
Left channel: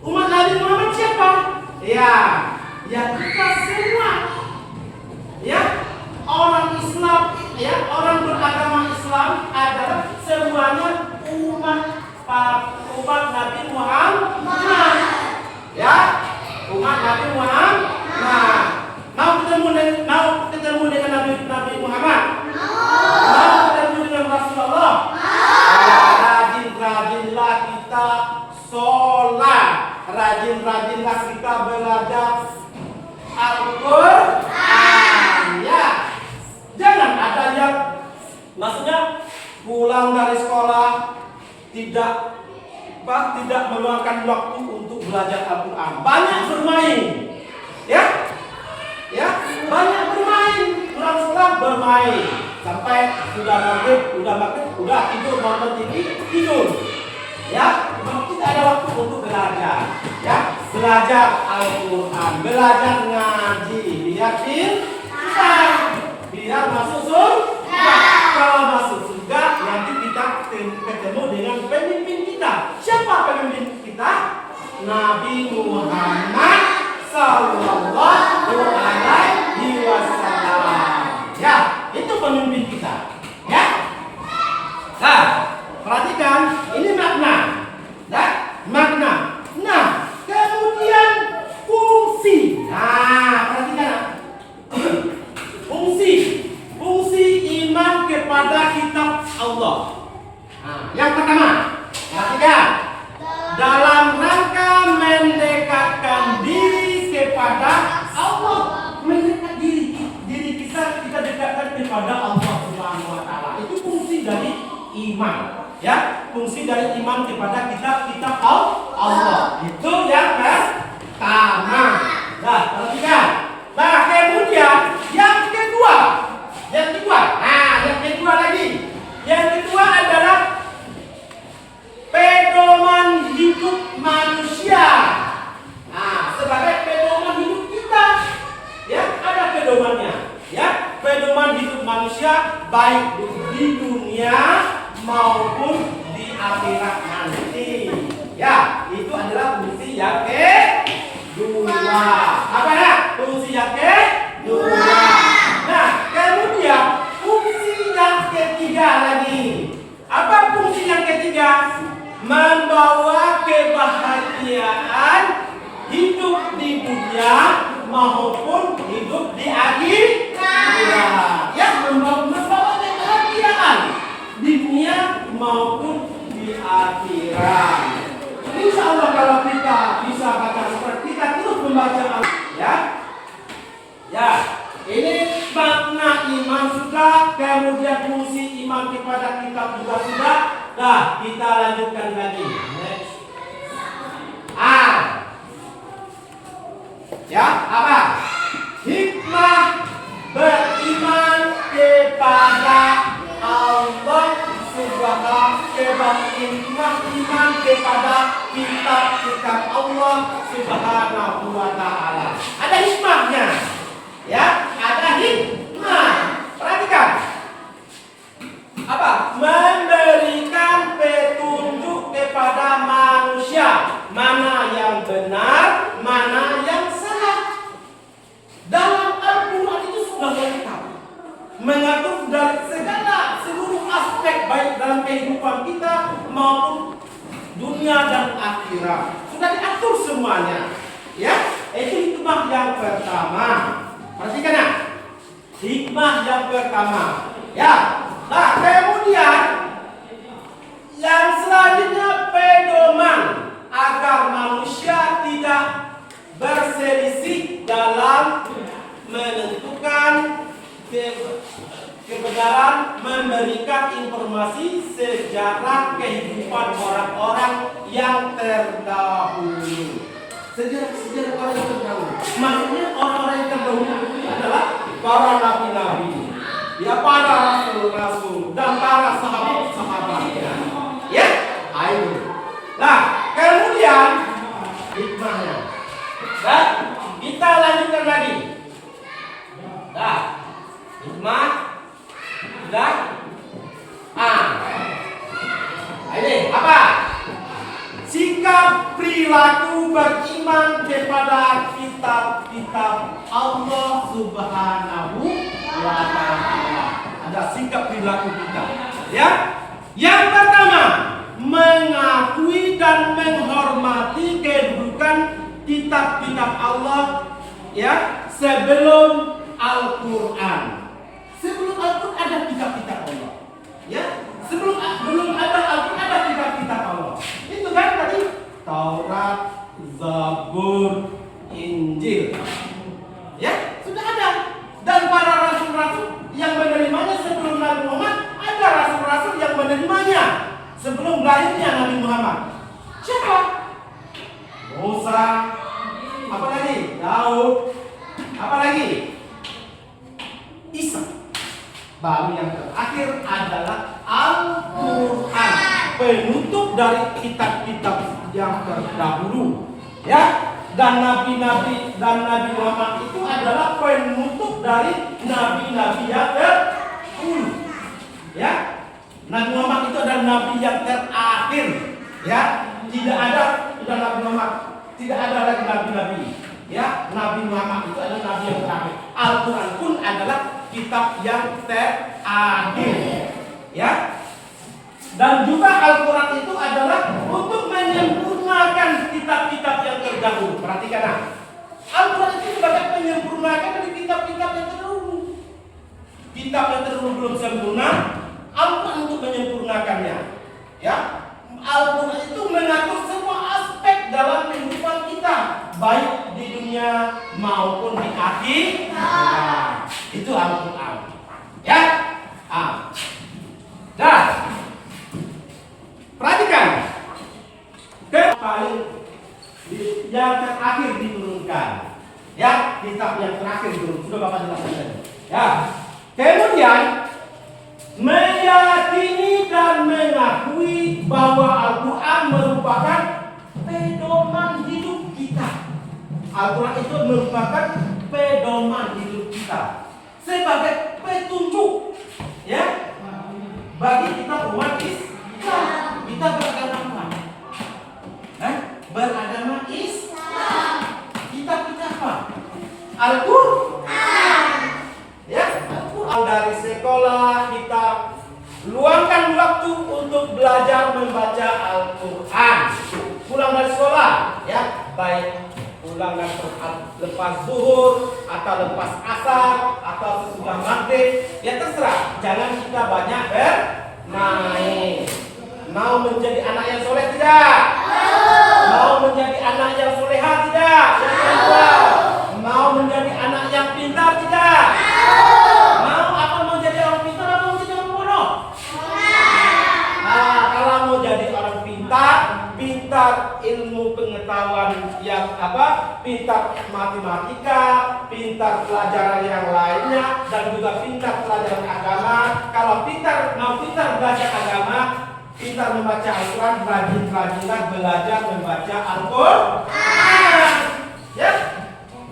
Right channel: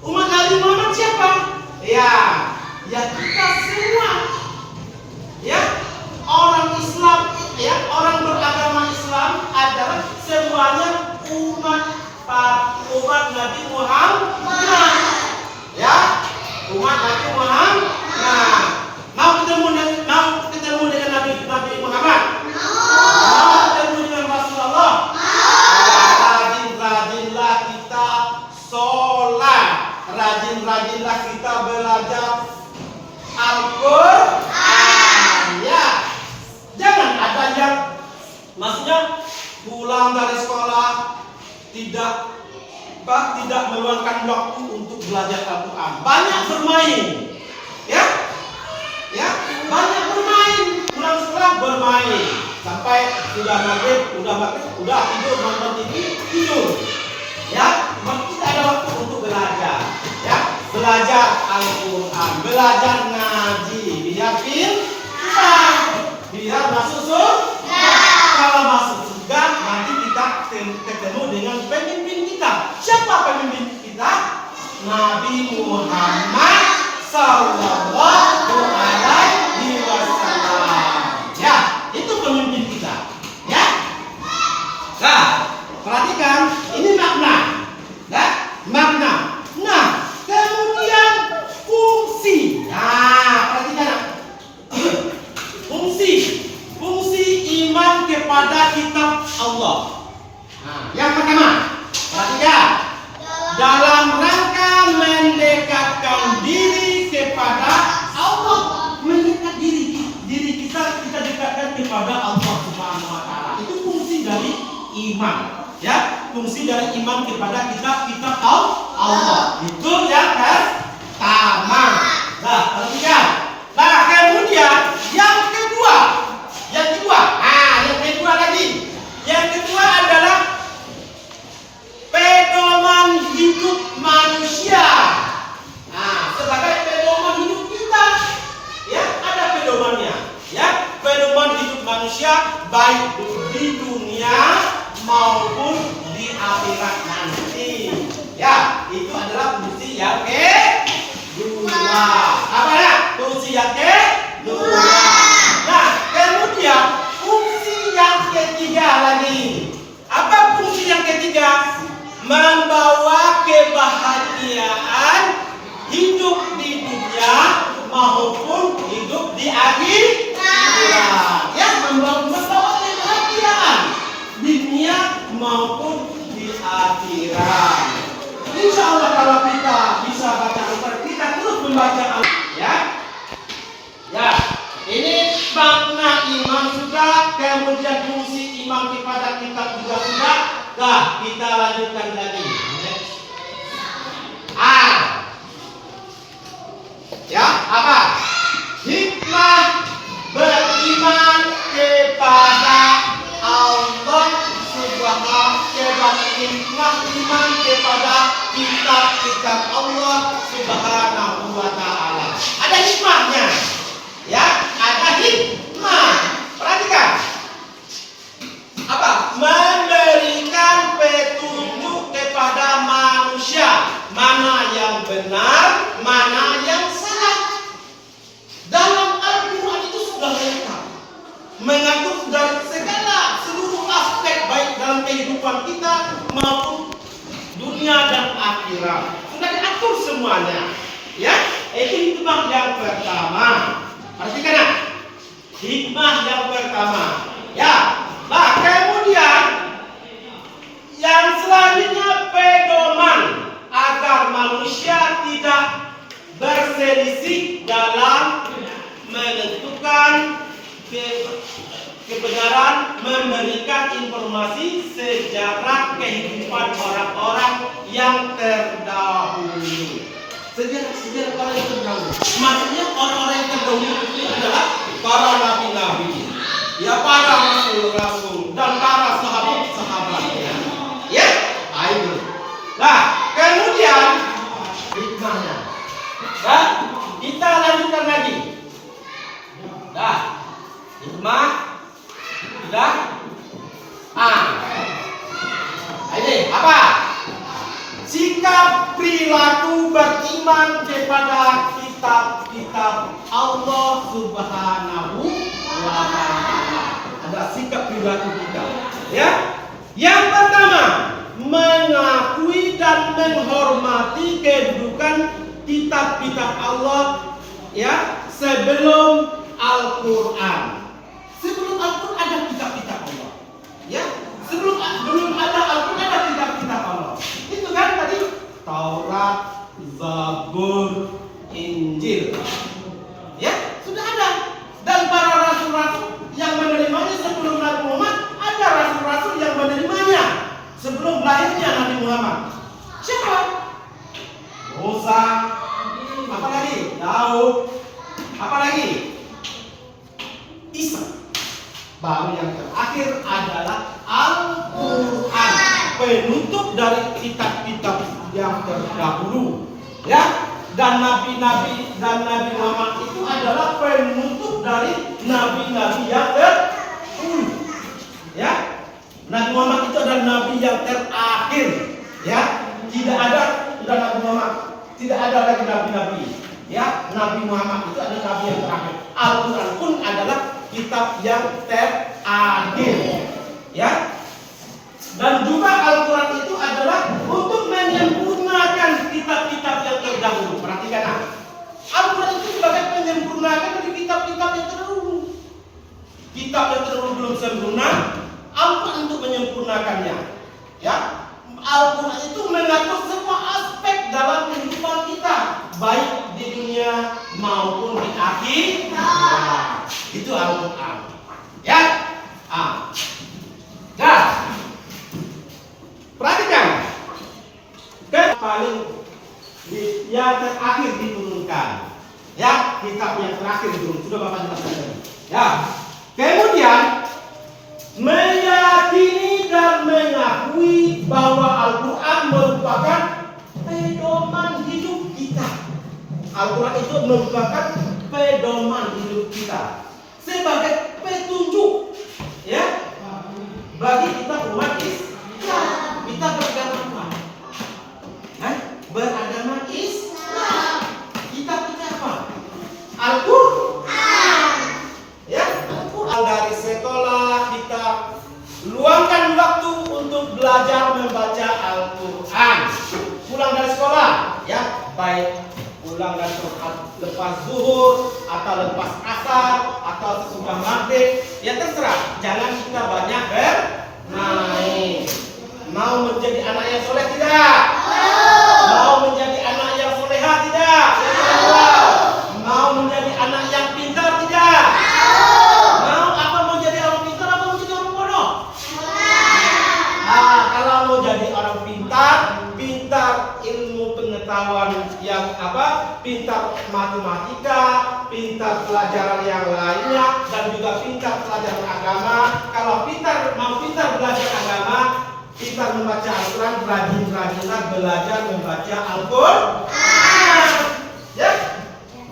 Umat Nabi Muhammad siapa? Ya, ya kita semua. Ya, orang Islam, ya orang beragama Islam adalah semuanya umat Nabi Muhammad. Ya, umat Nabi Muhammad. Nah, mau ketemu dengan Nabi Muhammad? Mau ketemu dengan Rasulullah? Rajin-rajinlah kita sholat, rajin-rajinlah kita belajar Al-Quran. Ya, jangan ada yang maksudnya pulang dari sekolah tidak meluangkan waktu untuk belajar Al-Quran. Banyak bermain. Ya, banyak bermain, pulang sekolah bermain sampai sudah maghrib, udah tidur, nonton TV, tidur. Ya, tidak ada waktu untuk belajar. Ya, belajar Al-Quran, belajar ngaji, biar masuk surga. Kalau masuk surga, nanti kita ketemu dengan pemimpin kita. Siapa pemimpin kita? Nabi Muhammad Sallallahu Alaihi Wasallam. Ya, itu pemimpin kita. Ya. Nah, perhatikan ini makna. Makna. Nah, kemudian fungsi. Nah, perhatikan. Fungsi iman kepada kitab Allah. Nah, yang pertama, perhatikan. Dalam rangka mendekatkan diri kepada Allah, mendekat diri kita dekatkan kepada Allah Subhanahu wa taala. Itu fungsi dari iman. Ya, fungsi dari iman kepada kitab Allah. Itu yang pertama. Nah, perhatikan. Nah, kemudian yang kedua. Nah, yang kedua lagi. Yang kedua adalah pedoman hidup manusia. Nah, sebagai pedoman hidup kita, ya ada pedomannya. Ya, pedoman hidup manusia baik di dunia maupun di akhirat nanti. Ya, itu adalah fungsi yang kedua. Apa ya? Fungsi yang kedua. makna iman sudah, kemudian fungsi iman kepada kitab juga sudah. Nah, kita lanjutkan lagi. Ya, apa? Hikmah beriman kepada Allah hikmah iman kepada kitab-kitab Allah Subhanahu wa ta'ala. Ada hikmahnya. Ya, ada hikmah. Perhatikan. Apa? Memberikan petunjuk kepada manusia, mana yang benar, mana yang salah. Dalam Al-Quran itu sudah lengkap, mengatur dari seluruh aspek baik dalam kehidupan kita maupun dunia dan akhirat. Sudah diatur semuanya. Ya, itu hikmah yang pertama. Perhatikan ya. Hikmah yang pertama. Ya. Nah, kemudian yang selanjutnya pedoman agar manusia tidak berselisih dalam menentukan kebenaran, memberikan informasi sejarah kehidupan orang-orang yang terdahulu. Sejarah orang yang terdahulu. Maksudnya orang-orang yang terdahulu itu adalah para nabi-nabi, ya, para rasul-rasul dan para sahabat-sahabatnya. Ya, ayo. Nah, kemudian hikmahnya. Dan kita lanjutkan lagi. Nah, hikmah sudah. Ini apa? Sikap perilaku beriman kepada kitab-kitab Allah Subhanahu wa ta'ala. Ada sikap perilaku kita. Ya. Yang pertama, mengakui dan menghormati kedudukan kitab-kitab Allah, ya, sebelum Al-Quran. Sebelum Al-Quran ada kitab-kitab Allah. Ya, belum ada Al-Quran ada kitab-kitab Allah. Itu kan tadi Taurat, Zabur, Injil. Ya, sudah ada. Dan para rasul-rasul yang menerimanya sebelum Nabi Muhammad, ada rasul-rasul yang menerimanya sebelum lahirnya Nabi Muhammad. Siapa? Musa. Apa lagi? Daud. Apa lagi? Isa. Baru yang terakhir adalah Al-Quran, penutup dari kitab-kitab yang terdahulu. Ya, dan nabi-nabi dan Nabi Muhammad itu adalah penutup dari nabi-nabi yang terdahulu. Ya, Nabi Muhammad itu adalah nabi yang terakhir. Ya, tidak ada sudah Nabi Muhammad, tidak ada lagi nabi-nabi. Ya, Nabi Muhammad itu adalah nabi yang terakhir. Al-Quran pun adalah kitab yang terakhir. Ya. Dan juga Al-Quran itu adalah untuk menyempurnakan kitab-kitab yang terdahulu. Perhatikan. Al-Quran itu sebagai penyempurnaan dari kitab-kitab yang terdahulu. Kitab yang terdahulu belum sempurna, Al-Quran untuk menyempurnakannya. Ya. Al-Quran itu mengatur semua aspek dalam kehidupan kita, baik di dunia maupun di akhirat. Itu Al-Quran. Ya. Dan perhatikan, paling yang terakhir diturunkan. Ya, kitab yang terakhir diturunkan. Sudah Bapak jelaskan. Ya. Kemudian meyakini dan mengakui bahwa Al-Quran merupakan pedoman hidup kita. Al-Quran itu merupakan pedoman hidup kita sebagai petunjuk, ya, bagi kita umat Islam. Kita beragama apa? Beragama Islam. Kita apa? Al-Quran. Ya, Al-Quran. Dari sekolah kita luangkan waktu untuk belajar membaca Al-Quran. Pulang dari sekolah, ya, baik pulang dan lepas zuhur atau lepas asar atau sesudah maghrib, ya terserah. Jangan kita banyak bermain. Mau menjadi anak yang soleh tidak? Mau menjadi anak yang soleha tidak? Yang kedua, mau menjadi anak yang pintar tidak? pintar pelajaran yang lainnya, dan juga pintar pelajaran agama. Kalau mau pintar belajar agama, pintar membaca Al-Quran, rajin-rajinlah belajar membaca Al-Quran. Ya,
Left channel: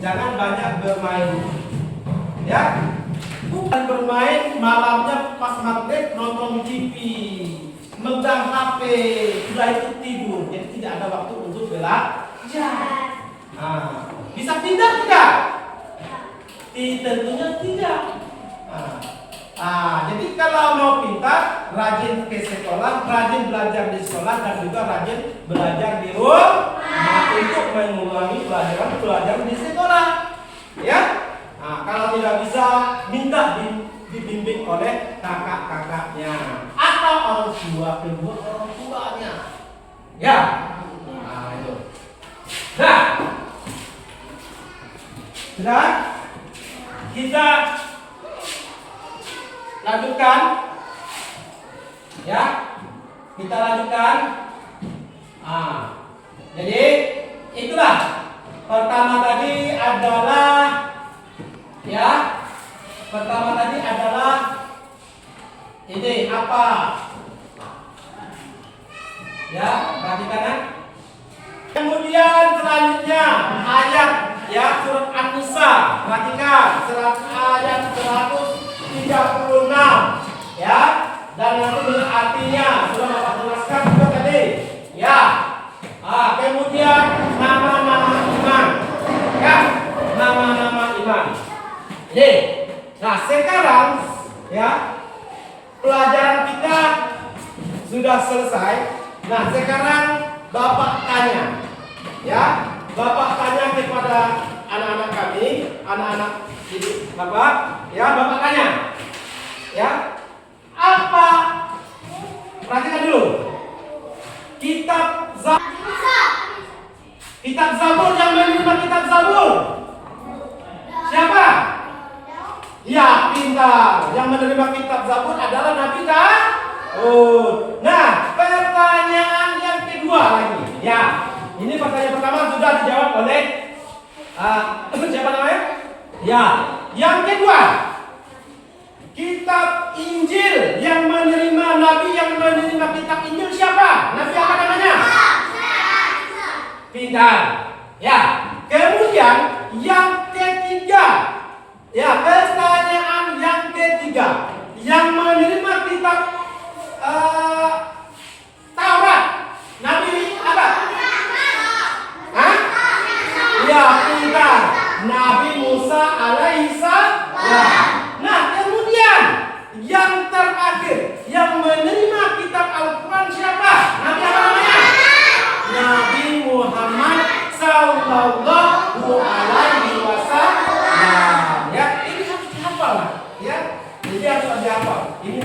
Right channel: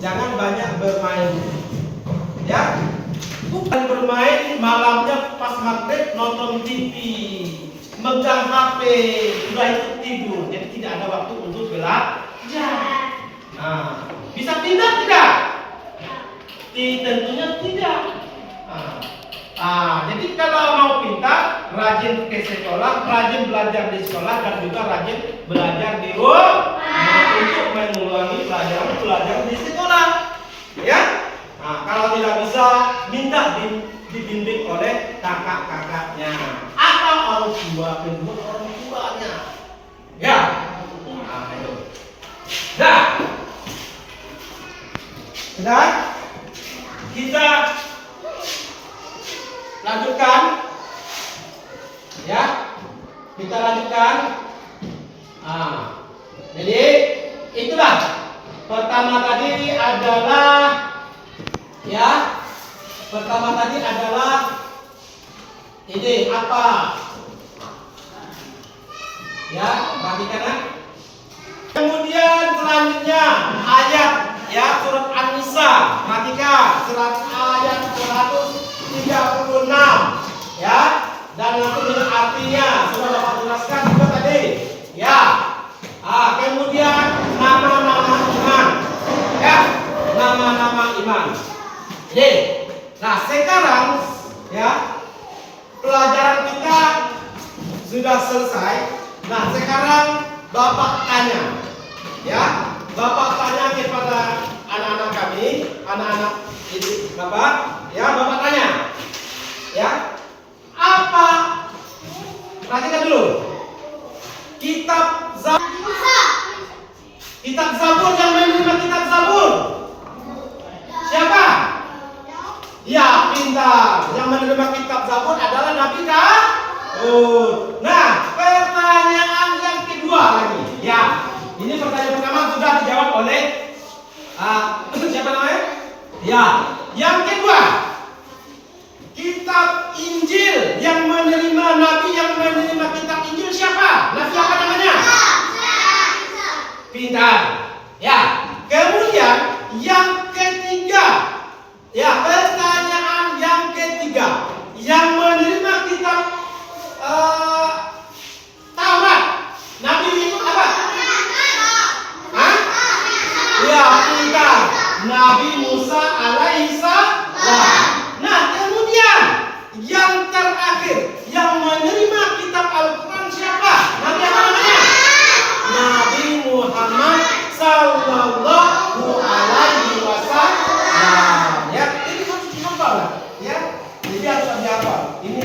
jangan banyak bermain. Ya, bukan bermain malamnya pas maghrib nonton TV, megang HP, sudah itu tidur. Jadi tidak ada waktu untuk belajar. Nah, bisa pintar tidak? Tentunya tidak. Jadi kalau mau pintar, rajin ke sekolah, rajin belajar di sekolah, dan juga rajin belajar di rumah untuk mengulangi pelajaran di sekolah. Ya. Nah, kalau tidak bisa, minta dibimbing oleh kakak-kakaknya atau orang tua, kedua orang tuanya. Ya. Nah, itu. Nah, sudah kita lanjutkan. Ya, kita lanjutkan. Jadi itulah pertama tadi adalah ini apa? Ya, perhatikan ya. Kemudian selanjutnya ayat surat An-Nisa. Perhatikan surat ayat 136 ya. Dan nanti dengan artinya sudah Bapak jelaskan juga tadi. Ya. Kemudian nama-nama iman. Ya, nama-nama iman. Nah, sekarang ya pelajaran kita sudah selesai. Nah, sekarang Bapak tanya. Ya, Bapak tanya kepada anak-anak kami, anak-anak ini Bapak, ya, Bapak tanya. Ya. Apa? Perhatikan dulu. Kitab Zabur, yang menerima kitab Zabur siapa? Ya, pintar. Yang menerima kitab Zabur adalah Nabi Daud. Nah, pertanyaan yang kedua lagi. Ya, ini pertanyaan pertama sudah dijawab oleh siapa namanya? Ya, yang kedua. Kitab Injil yang menerima Nabi yang menerima kitab Injil siapa? Nabi apa namanya? Pintar. Ya. Kemudian yang ketiga. Ya, pertanyaan yang ketiga. Yang menerima kitab Taurat. Nabi apa? Hah? Ya, pintar. Nabi Musa alaihissalam. Nah, kemudian yang terakhir yang menerima kitab Al-Quran siapa? Nabi apa namanya? Nabi Muhammad sallallahu alaihi wasallam. Ya, ini harus dihafal. Ya, jadi harus dihafal. Ini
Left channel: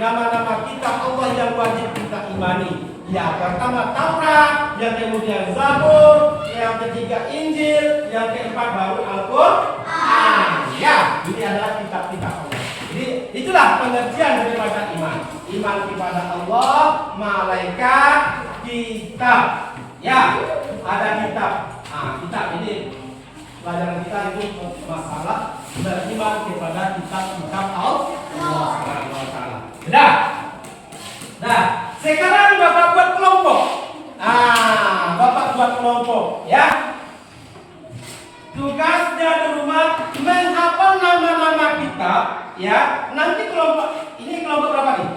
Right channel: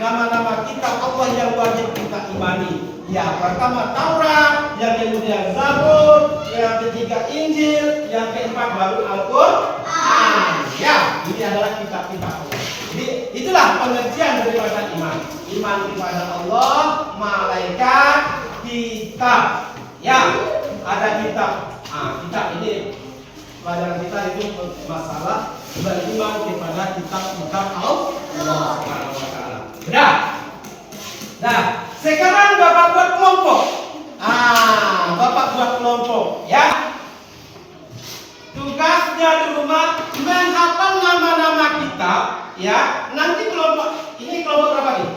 nama-nama kitab Allah yang wajib kita imani. Ya, pertama Taurat, yang kemudian Zabur, yang ketiga Injil, yang keempat baru Al-Quran. Ya, ini adalah kitab-kitab Allah. Jadi itulah pengertian daripada iman. Iman kepada Allah, malaikat, kitab. Ya, ada kitab. Kitab ini pelajaran kita itu masalah beriman kepada kitab Allah. Sudah. Nah, sekarang Bapak buat kelompok. Bapak buat kelompok, ya. Tugasnya di rumah menghafal nama-nama kitab, ya. Nanti kelompok ini kelompok berapa nih?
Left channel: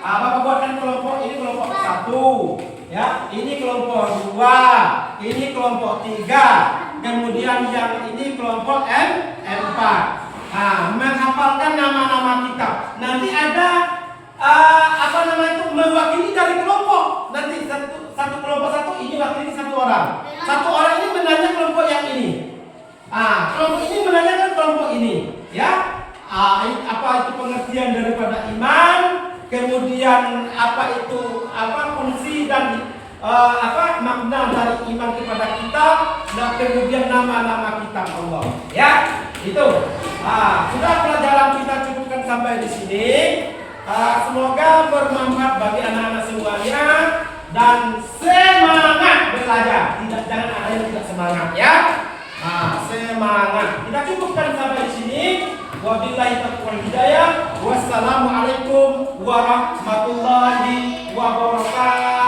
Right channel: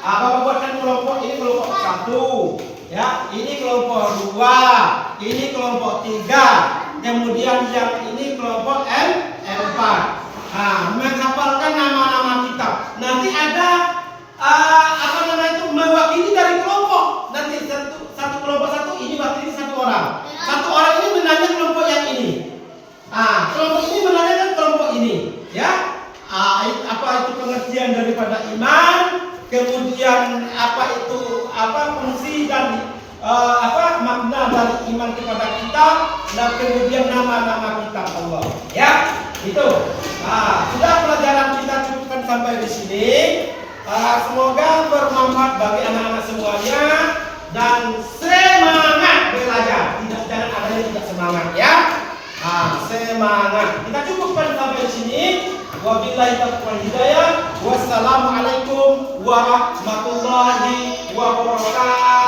Bapak buatkan kelompok ini kelompok 1, ya. Ini kelompok 2, ini kelompok 3, kemudian yang ini kelompok 4. Menghafalkan nama-nama kitab. Nanti ada mewakili dari kelompok. Nanti satu kelompok satu ini wakili satu orang. Satu orang ini menanya kelompok yang ini. Kelompok ini menanyakan kelompok ini, ya. Apa itu pengertian daripada iman, kemudian apa itu fungsi dan makna dari iman kepada kitab, dan kemudian nama-nama kitab Allah, ya. Itu. Sudah pelajaran kita cukupkan sampai di sini. Semoga bermanfaat bagi anak-anak semuanya dan semangat belajar. Jangan ada yang tidak semangat, ya. Nah, semangat. Kita cukupkan sampai di sini. Wabillahi taufiq wal hidayah. Wassalamualaikum warahmatullahi wabarakatuh.